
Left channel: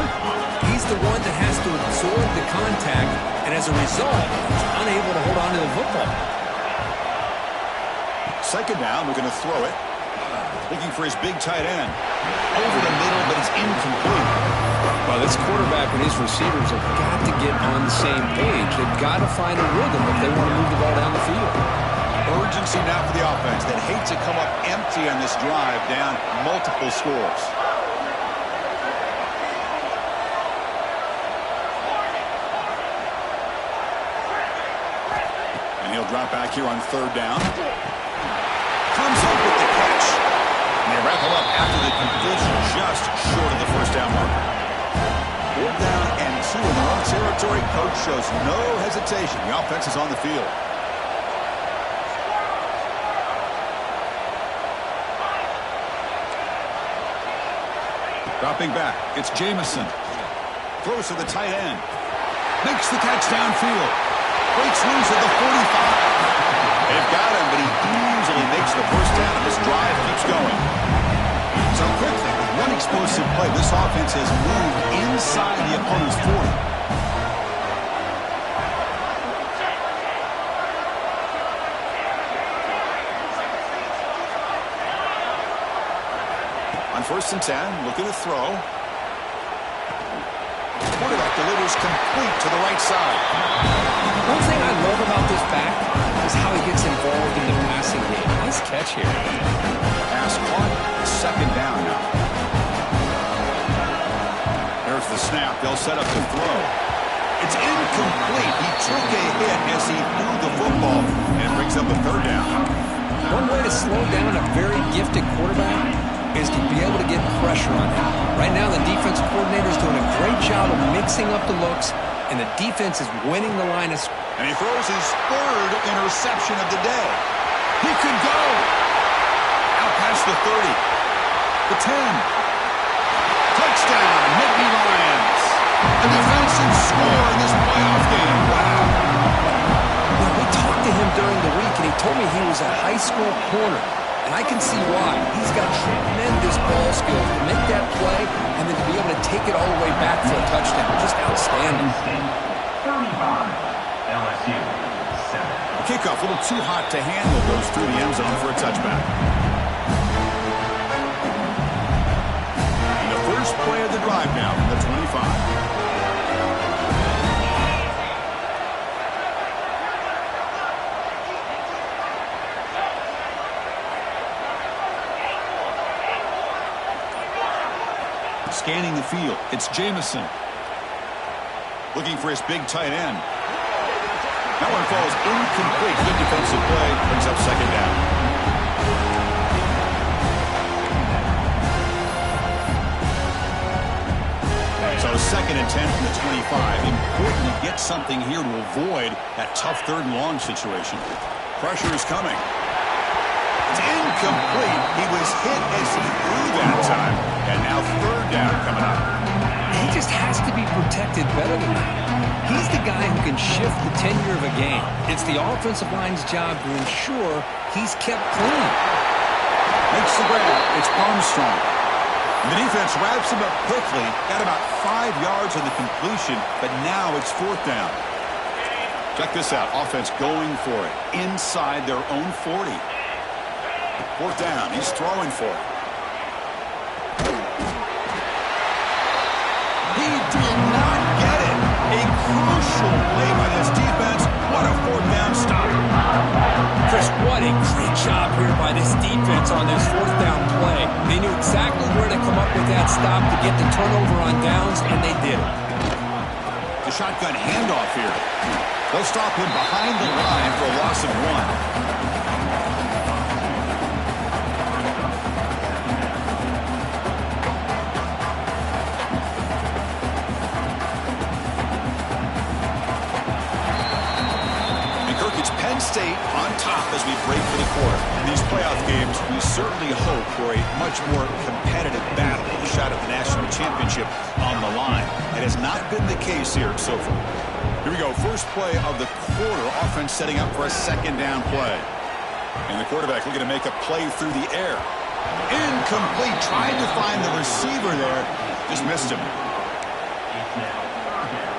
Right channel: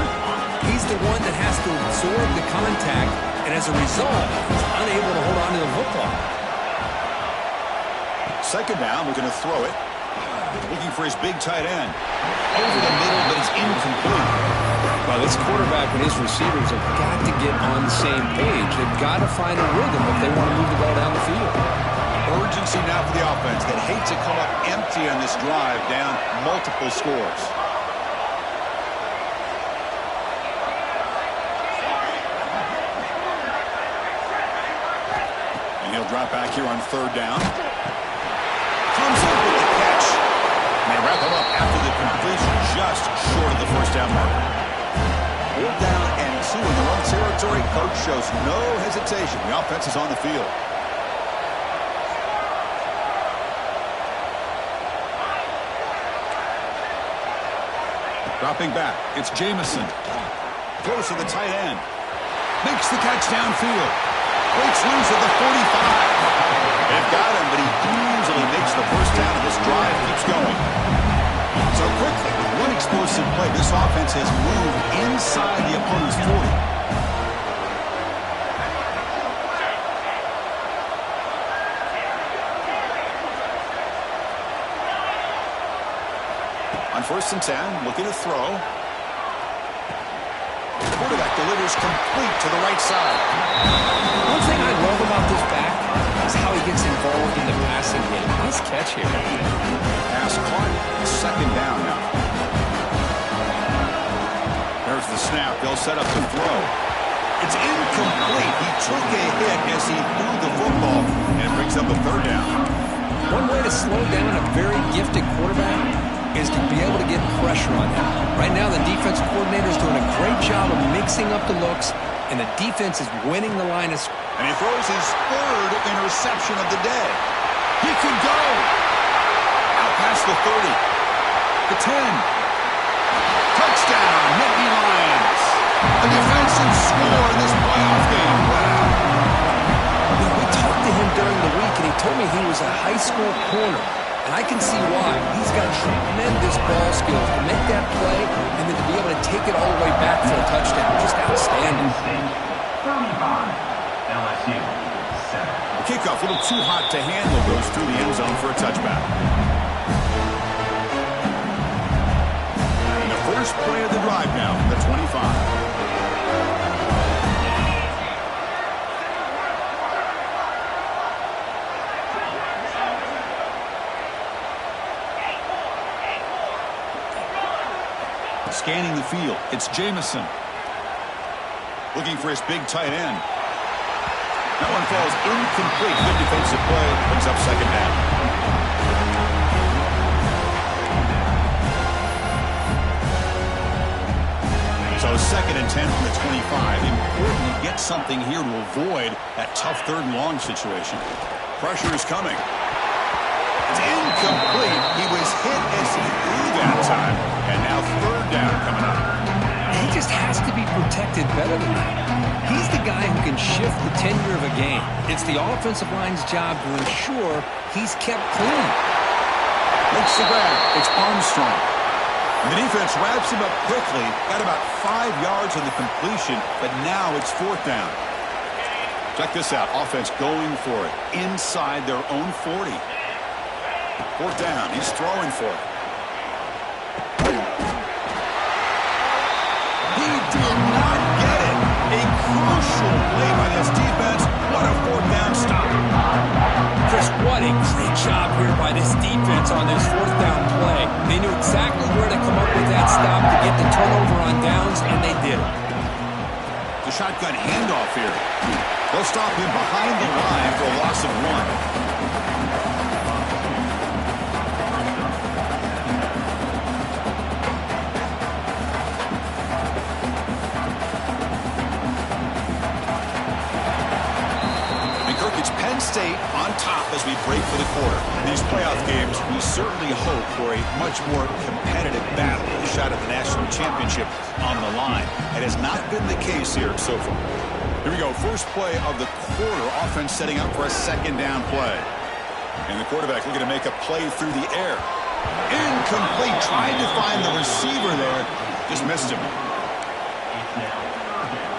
he's the one that has to absorb the contact, and as a result, he's unable to hold on to the football. Second down, looking to throw it. Looking for his big tight end. Over the middle, but it's incomplete. Well, this quarterback and his receivers have got to get on the same page. They've got to find a rhythm if they want to move the ball down the field. Urgency now for the offense that hate to come up empty on this drive, down multiple scores. And he'll drop back here on third down. Comes up with the catch. And they wrap him up after the completion, just short of the first down marker. 4th down and 2 in their own territory. Coach shows no hesitation. The offense is on the field. Dropping back, it's Jamison. Throws to the tight end. Makes the catch downfield. Breaks loose at the 45. They've got him, but he easily makes the first down, and this drive keeps going. So quickly, with one explosive play, this offense has moved inside the opponent's 40. On 1st and 10, looking to throw. The quarterback delivers complete to the right side. One thing I love about this back is how he gets involved in the passing game. Nice catch here. Pass caught. 2nd down now. There's the snap. They'll set up the throw. It's incomplete. He took a hit as he threw the football, and it brings up a 3rd down. One way to slow down a very gifted quarterback is to be able to get pressure on him. Right now, the defense coordinator is doing a great job of mixing up the looks, and the defense is winning the line of scrimmage. And he throws his 3rd interception of the day. He could go. Out past the 30. The 10. Touchdown, Nittany Lions. A defensive score in this playoff game. Wow. You know, we talked to him during the week, and he told me he was a high school corner. And I can see why. He's got tremendous ball skills to make that play and then to be able to take it all the way back for a touchdown. Just outstanding. 35. LSU 7. The kickoff, a little too hot to handle, goes through the end zone for a touchback. And the first play of the drive now from the 25. Scanning the field, it's Jamison. Looking for his big tight end. That one falls incomplete. Good defensive play. Brings up 2nd down. So 2nd and 10 from the 25. Important to get something here to avoid that tough 3rd and long situation. Pressure is coming. It's incomplete. He was hit as he threw that time. And now 3rd down coming up. He just has to be protected better than that. He's the guy who can shift the tenure of a game. It's the offensive line's job to ensure he's kept clean. Makes the grab. It's Armstrong. And the defense wraps him up quickly. Got about 5 yards on the completion, but now it's 4th down. Check this out. Offense going for it inside their own 40. 4th down. He's throwing for it. He did not get it. A crucial play by this defense. What a 4th down stop. Chris, what a great job here by this defense on this 4th down play. They knew exactly where to come up with that stop to get the turnover on downs, and they did it. The shotgun handoff here. They'll stop him behind the line for a loss of 1. It's Penn State on top as we break for the quarter. In these playoff games, we certainly hope for a much more competitive battle, a shot at the national championship on the line. It has not been the case here so far. Here we go. First play of the quarter. Offense setting up for a 2nd down play. And the quarterback looking to make a play through the air. Incomplete. Tried to find the receiver there. Just missed him. It's now 3rd down.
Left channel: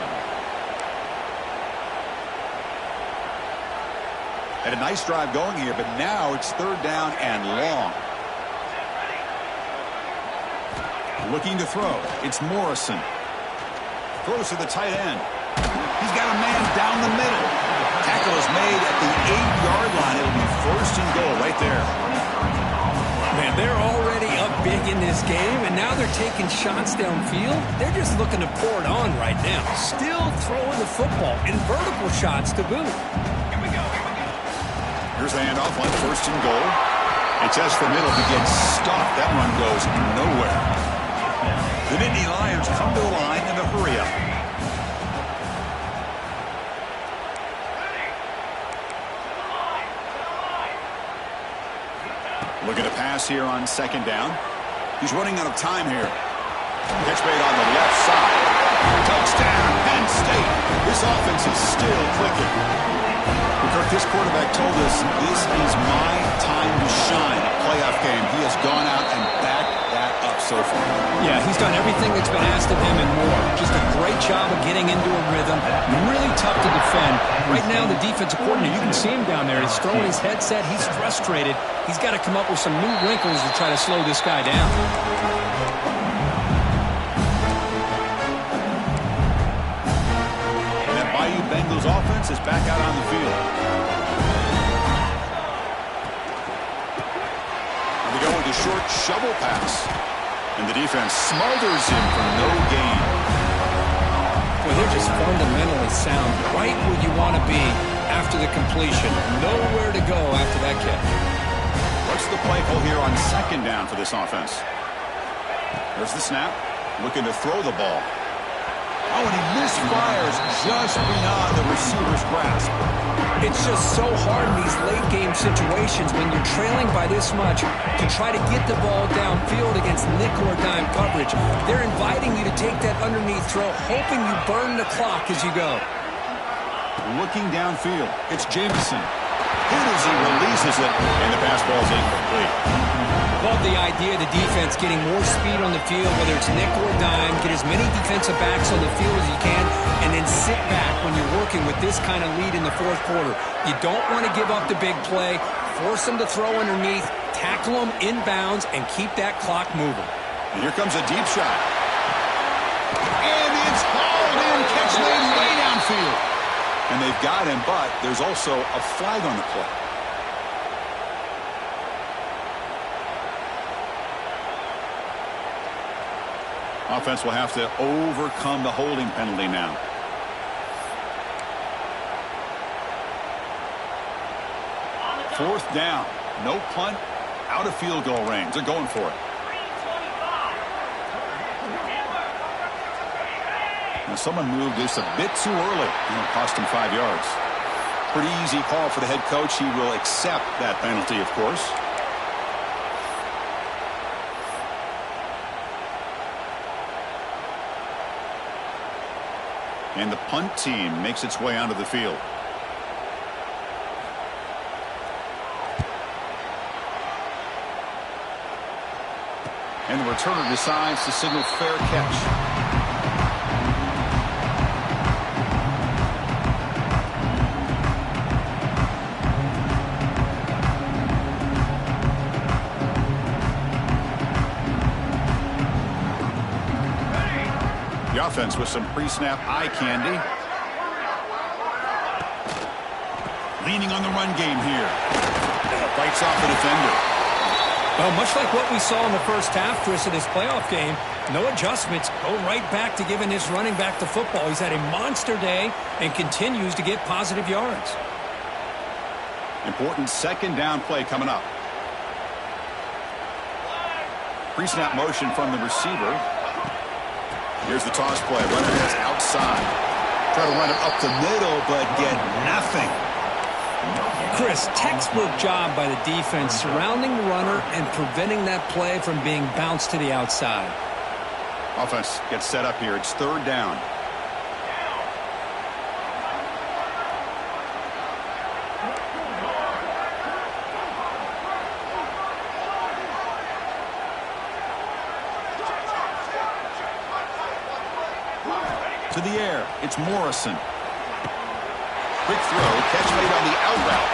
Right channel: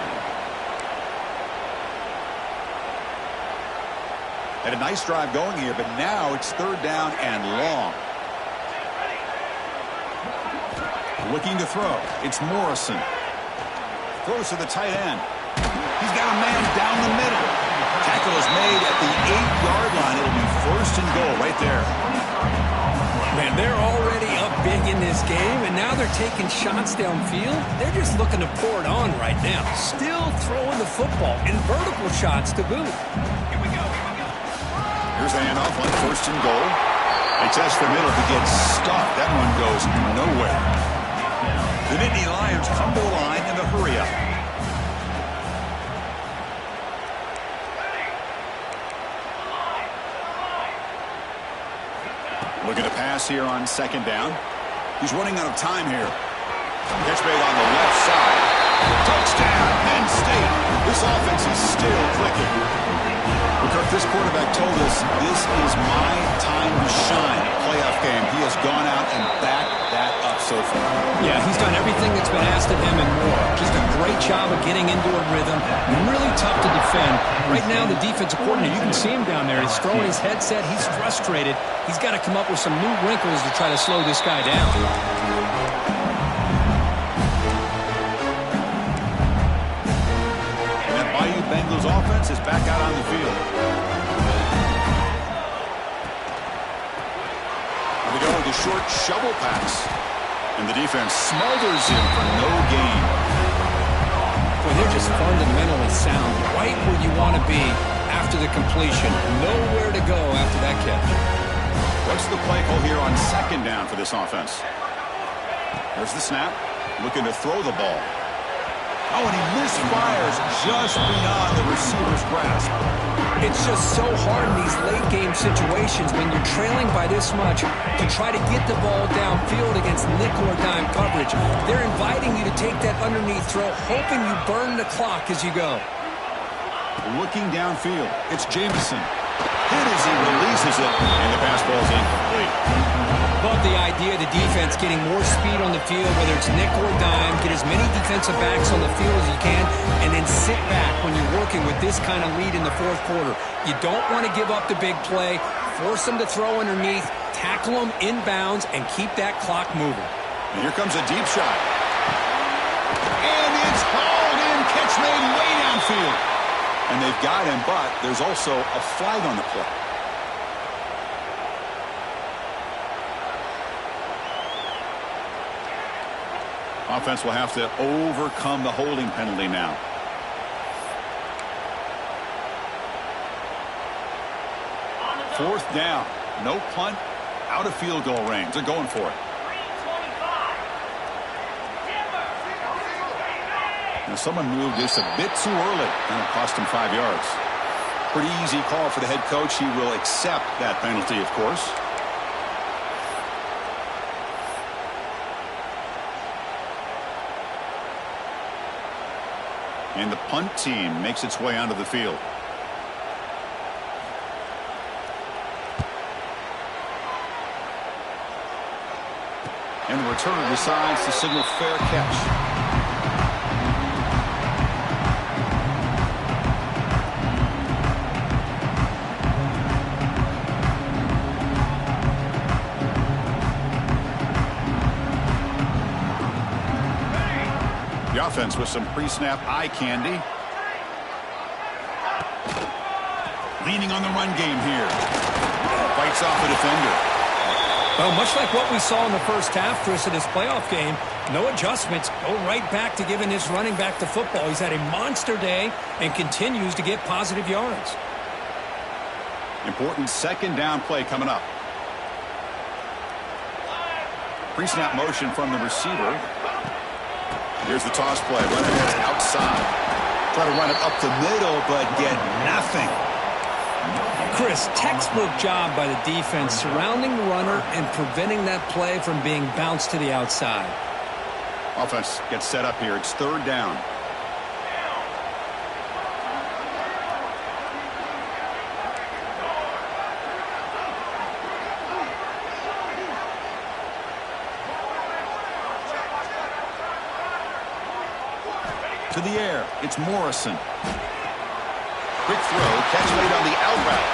Had a nice drive going here, but now it's 3rd down and long. Looking to throw. It's Morrison. Throws to the tight end. He's got a man down the middle. Tackle is made at the 8-yard line. It'll be 1st and goal right there. Man, they're already up big in this game, and now they're taking shots downfield. They're just looking to pour it on right now. Still throwing the football, and vertical shots to boot. Here we go. Here's the handoff on 1st and goal. They test the middle to get stuffed. That run goes nowhere. down. The Nittany Lions come to the line in the hurry-up. Looking to pass here on second down. He's running out of time here. Catch made on the left side. Touchdown, Penn State. This offense is still clicking. Well, Kirk, this quarterback told us this is my time to shine. Playoff game. He has gone out and backed that up so far. Yeah, he's done everything that's been asked of him and more. Just a great job of getting into a rhythm. Really tough to defend. Right now, the defensive coordinator, you can see him down there. He's throwing his headset. He's frustrated. He's got to come up with some new wrinkles to try to slow this guy down. Bayou Bengals offense is back out on the field. And they go with a short shovel pass. And the defense smothers him for no gain. Boy, they're just fundamentally sound. Right where you want to be after the completion. Nowhere to go after that catch. What's the play call here on second down for this offense? There's the snap. Looking to throw the ball. Oh, and he misfires just beyond the receiver's grasp. It's just so hard in these late-game situations when you're trailing by this much to try to get the ball downfield against nickel or dime coverage. They're inviting you to take that underneath throw, hoping you burn the clock as you go. Looking downfield, it's Jameson. Hit as he releases it, and the pass ball is incomplete. Love the idea of the defense getting more speed on the field, whether it's nickel or dime, get as many defensive backs on the field as you can, and then sit back when you're working with this kind of lead in the fourth quarter. You don't want to give up the big play, force them to throw underneath, tackle them inbounds, and keep that clock moving. And here comes a deep shot. And it's hauled in, catch made way downfield. And they've got him, but there's also a flag on the play. Offense will have to overcome the holding penalty now. Fourth down. No punt. Out of field goal range. They're going for it. Now someone moved this a bit too early. It'll cost him 5 yards. Pretty easy call for the head coach. He will accept that penalty, of course. And the punt team makes its way onto the field. And the returner decides to signal fair catch. The offense with some pre-snap eye candy. Leaning on the run game here. Fights off a defender. Well, much like what we saw in the first half, Chris, of this playoff game, no adjustments. Go right back to giving his running back the football. He's had a monster day and continues to get positive yards. Important second down play coming up. Pre-snap motion from the receiver. Here's the toss play. Runner heads outside. Try to run it up the middle, but get nothing. Chris, textbook job by the defense surrounding the runner and preventing that play from being bounced to the outside. Offense gets set up here. It's third down. To the air, it's Morrison. Quick throw, catch made on the out route.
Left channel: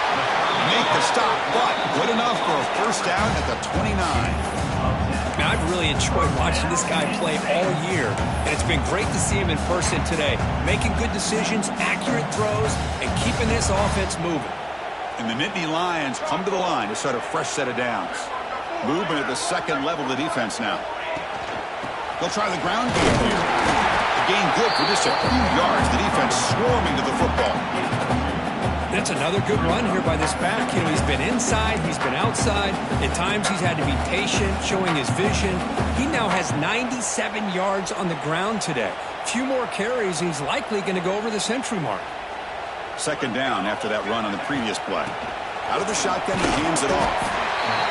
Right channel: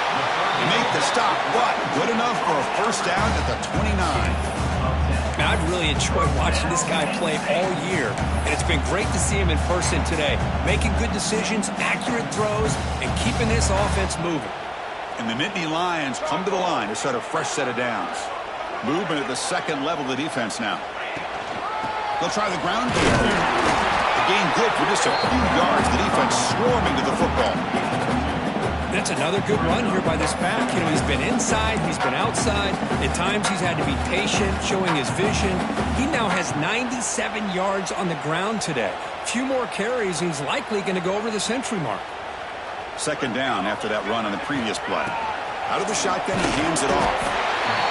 They make the stop, but good enough for a first down at the 29. Now, I've really enjoyed watching this guy play all year, and it's been great to see him in person today. Making good decisions, accurate throws, and keeping this offense moving. And the Nittany Lions come to the line to start a fresh set of downs. Movement at the second level of the defense now. They'll try the ground game here. Gain good for just a few yards. The defense swarming to the football. That's another good run here by this back. You know, he's been inside, he's been outside. At times he's had to be patient, showing his vision. He now has 97 yards on the ground today. Few more carries, and he's likely going to go over the century mark. Second down after that run on the previous play. Out of the shotgun, he hands it off.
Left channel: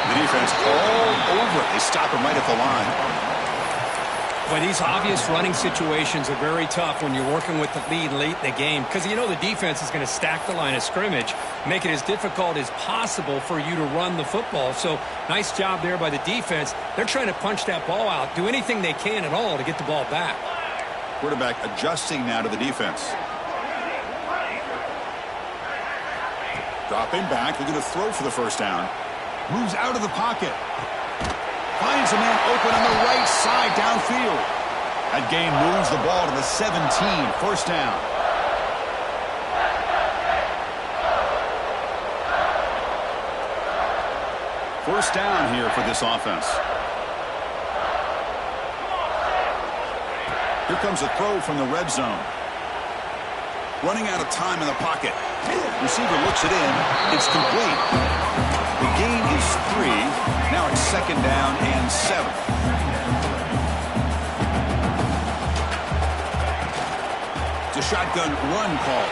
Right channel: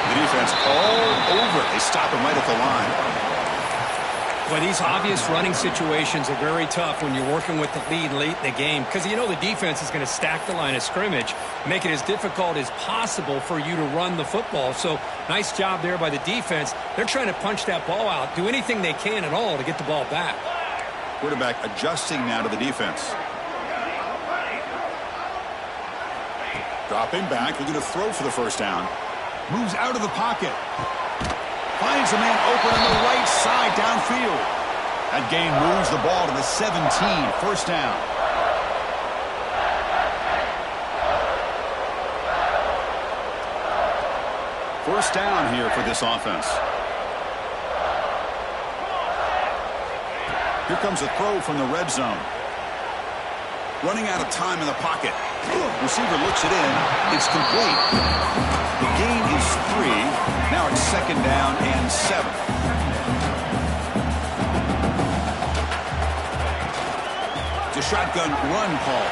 The defense all over it. They stop him right at the line. Well, these obvious running situations are very tough when you're working with the lead late in the game because you know the defense is going to stack the line of scrimmage, make it as difficult as possible for you to run the football. So nice job there by the defense. They're trying to punch that ball out, do anything they can at all to get the ball back. Quarterback adjusting now to the defense. Dropping back, looking to throw for the first down. Moves out of the pocket. Finds a man open on the right side downfield. That gain moves the ball to the 17. First down. First down here for this offense. Here comes a throw from the red zone. Running out of time in the pocket. Receiver looks it in. It's complete. The gain is 3. Now it's second down and 7. It's a shotgun run call.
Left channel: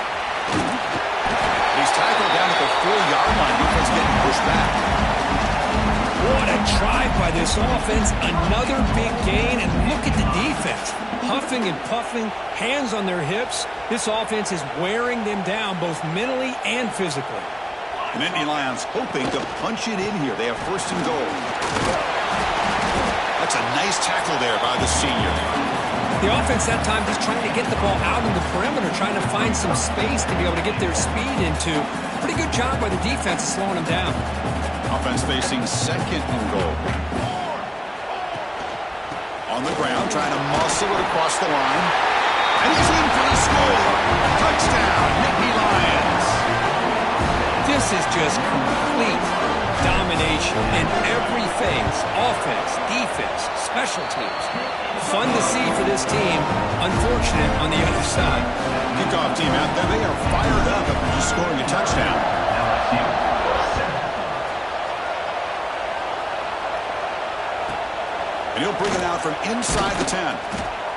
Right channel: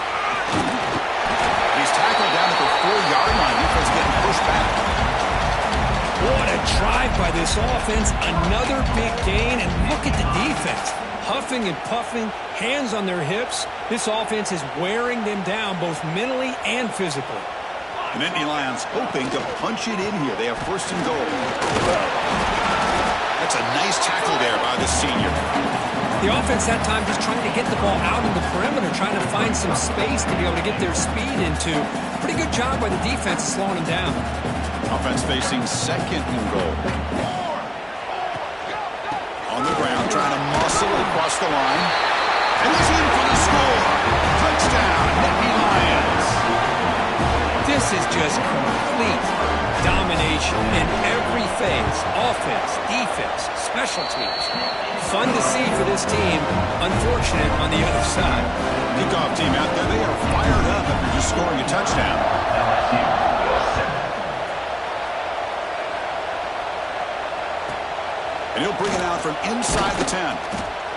He's tackled down at the 4-yard line. Defense getting pushed back. What a drive by this offense. Another big gain, and look at the defense. Huffing and puffing, hands on their hips. This offense is wearing them down both mentally and physically. And Indy Lions hoping to punch it in here. They have first and goal. That's a nice tackle there by the senior. The offense that time just trying to get the ball out on the perimeter, trying to find some space to be able to get their speed into. Pretty good job by the defense of slowing them down. Offense facing second and goal. On the ground, trying to muscle it across the line. And he's in for the score. Touchdown, Nittany Lions. This is just complete domination in every phase. Offense, defense, special teams. Fun to see for this team. Unfortunate on the other side. Kickoff team out there, they are fired up after just scoring a touchdown. LSU 7. And he'll bring it out from inside the 10.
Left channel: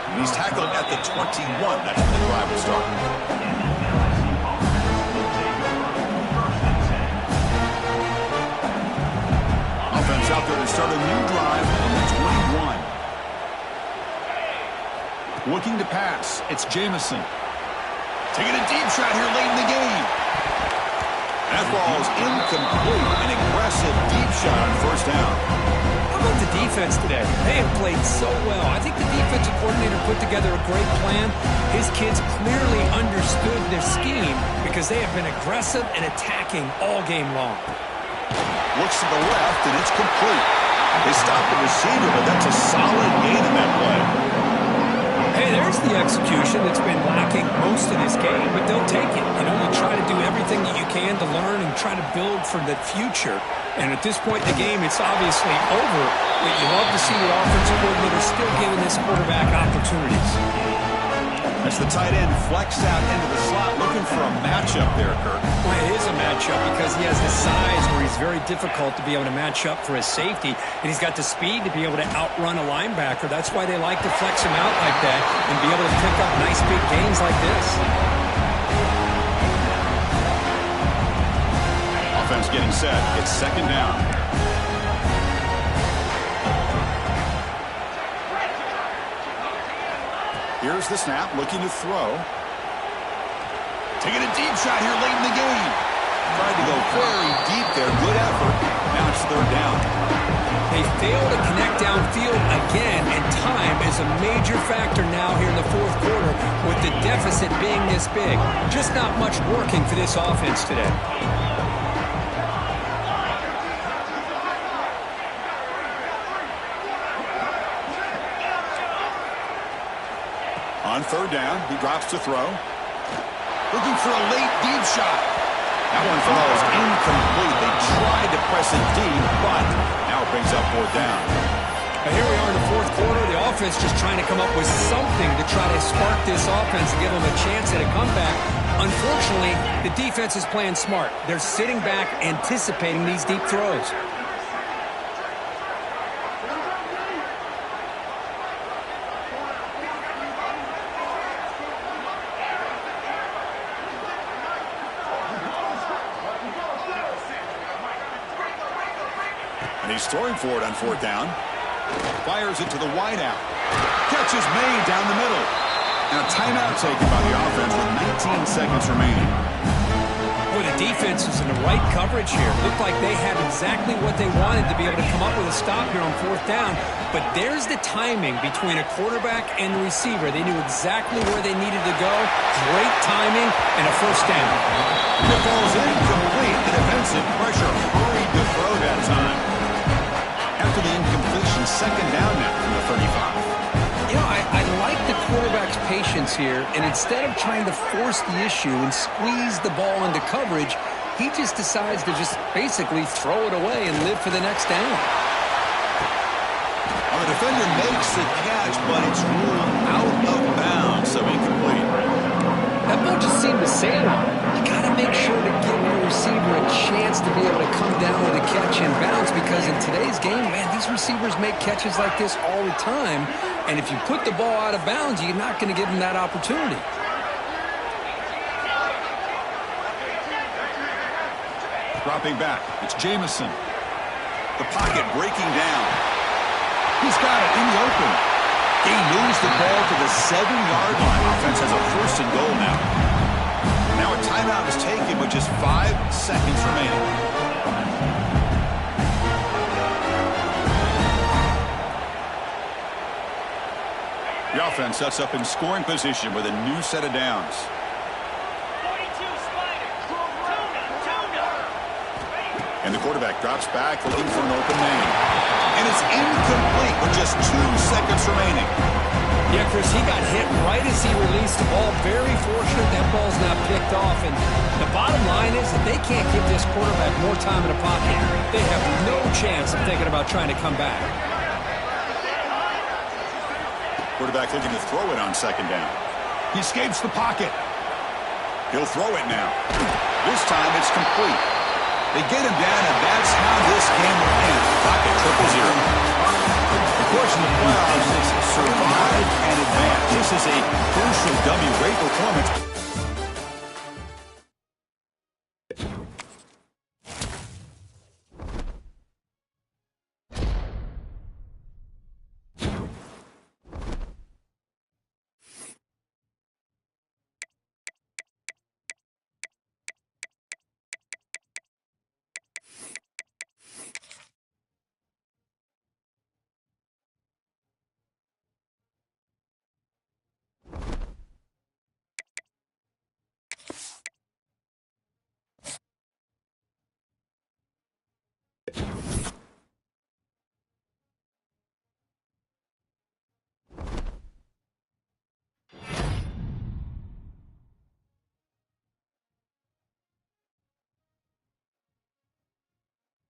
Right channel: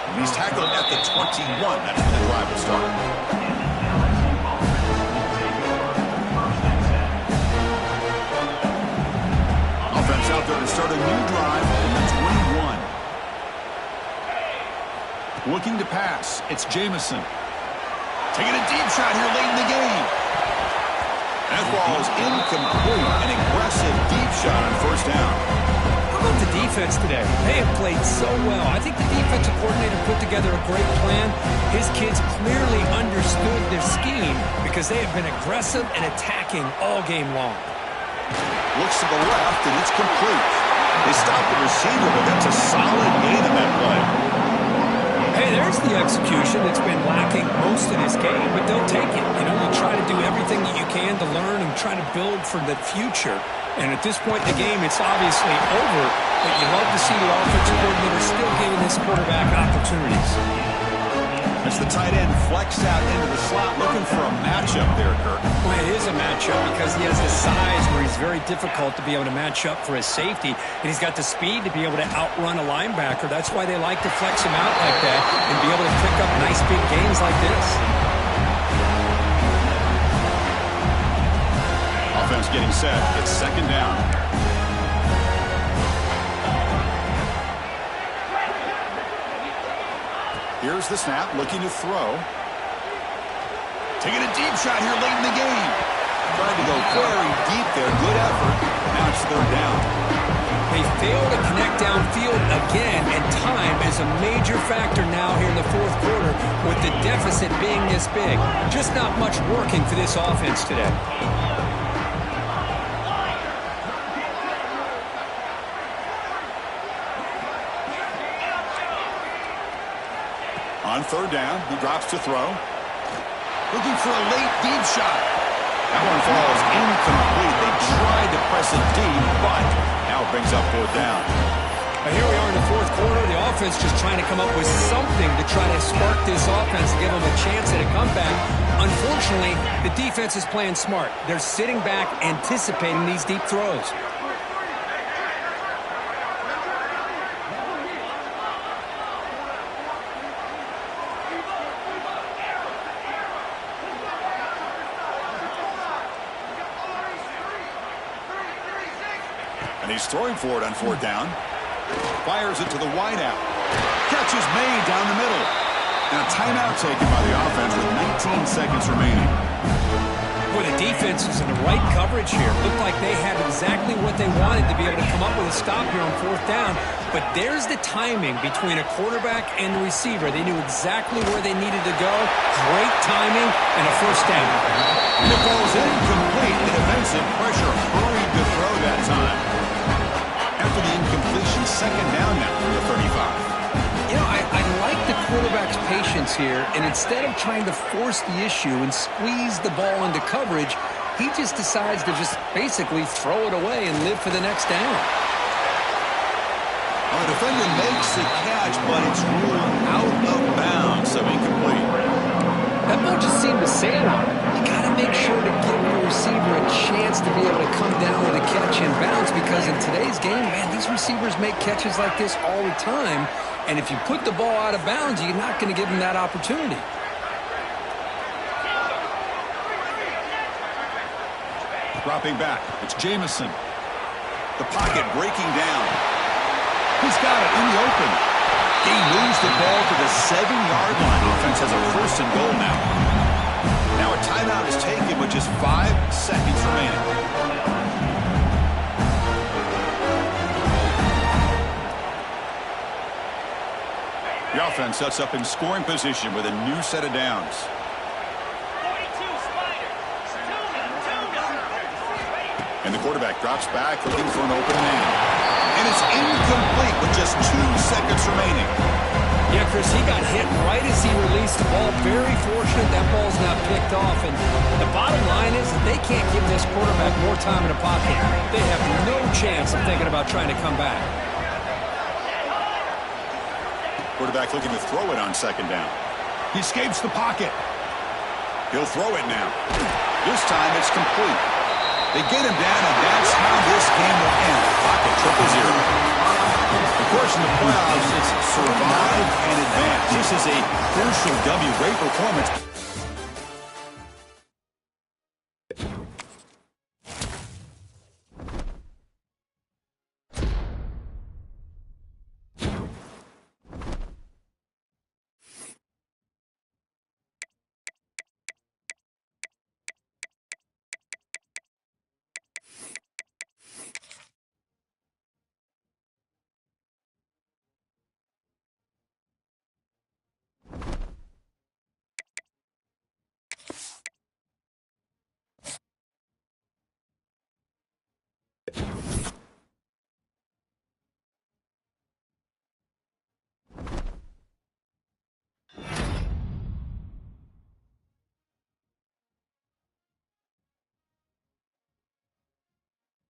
And he's tackled at the 21. That's where the drive will start. And the LSU offense will take over first and 10. Offense out there to start a new drive from the 21. Looking to pass. It's Jamison. Taking a deep shot here late in the game. That ball's incomplete. An aggressive deep shot on first down. How about the defense today? They have played so well. I think the defensive coordinator put together a great plan. His kids clearly understood their scheme because they have been aggressive and attacking all game long. Looks to the left, and it's complete. They stopped the receiver, but that's a solid gain in that play. Hey, there's the execution that's been lacking most of this game, but they'll take it. You know, you try to do everything that you can to learn and try to build for the future. And at this point in the game, it's obviously over, but you love to see the offensive coordinator still giving this quarterback opportunities. As the tight end flexed out into the slot, looking for a matchup there, Kirk. Well, it is a matchup because he has the size where he's very difficult to be able to match up for his safety, and he's got the speed to be able to outrun a linebacker. That's why they like to flex him out like that and be able to pick up nice big gains like this. Offense getting set. It's second down. Here's the snap, looking to throw. Taking a deep shot here late in the game. Tried to go very deep there. Good effort. Now it's third down. They fail to connect downfield again, and time is a major factor now here in the fourth quarter with the deficit being this big. Just not much working for this offense today. On third down, he drops to throw. Looking for a late deep shot. That one falls incomplete. They tried to press it deep, but now it brings up fourth down. Here we are in the fourth quarter. The offense just trying to come up with something to try to spark this offense and give them a chance at a comeback. Unfortunately, the defense is playing smart. They're sitting back, anticipating these deep throws. And he's throwing for it on fourth down. Fires it to the wideout. Catch is made down the middle. And a timeout taken by the offense with 19 seconds remaining. Boy, the defense is in the right coverage here. Looked like they had exactly what they wanted to be able to come up with a stop here on fourth down. But there's the timing between a quarterback and the receiver. They knew exactly where they needed to go. Great timing and a first down. And it falls incomplete. The defensive pressure hurried to throw that time. After the incompletion, second down now from the 35. You know, I like the quarterback's patience here, and instead of trying to force the issue and squeeze the ball into coverage, he just decides to just basically throw it away and live for the next down. Well, the defender makes the catch, but it's ruled out of bounds, so incomplete. That ball just seemed to sail on it. You got to make sure to give your receiver a chance to be able to come down with a catch and bounce, because in today's game, man, these receivers make catches like this all the time. And if you put the ball out of bounds, you're not going to give them that opportunity. Dropping back, it's Jamison. The pocket breaking down. He's got it in the open. He moves the ball to the 7-yard line. Offense has a first and goal now. Now a timeout is taken with just 5 seconds remaining. The offense sets up in scoring position with a new set of downs. 42 Spider. Tuna. And the quarterback drops back looking for an open man. And it's incomplete with just 2 seconds remaining. Yeah, Chris, he got hit right as he released the ball. Very fortunate that ball's not picked off. And the bottom line is that they can't give this quarterback more time in the pocket. They have no chance of thinking about trying to come back. Quarterback looking to throw it on second down. He escapes the pocket. He'll throw it now. This time it's complete. They get him down, and that's how this game will end. Pocket 0-0. Of course, in the playoffs, it's survive and advance. This is a crucial W. Great performance.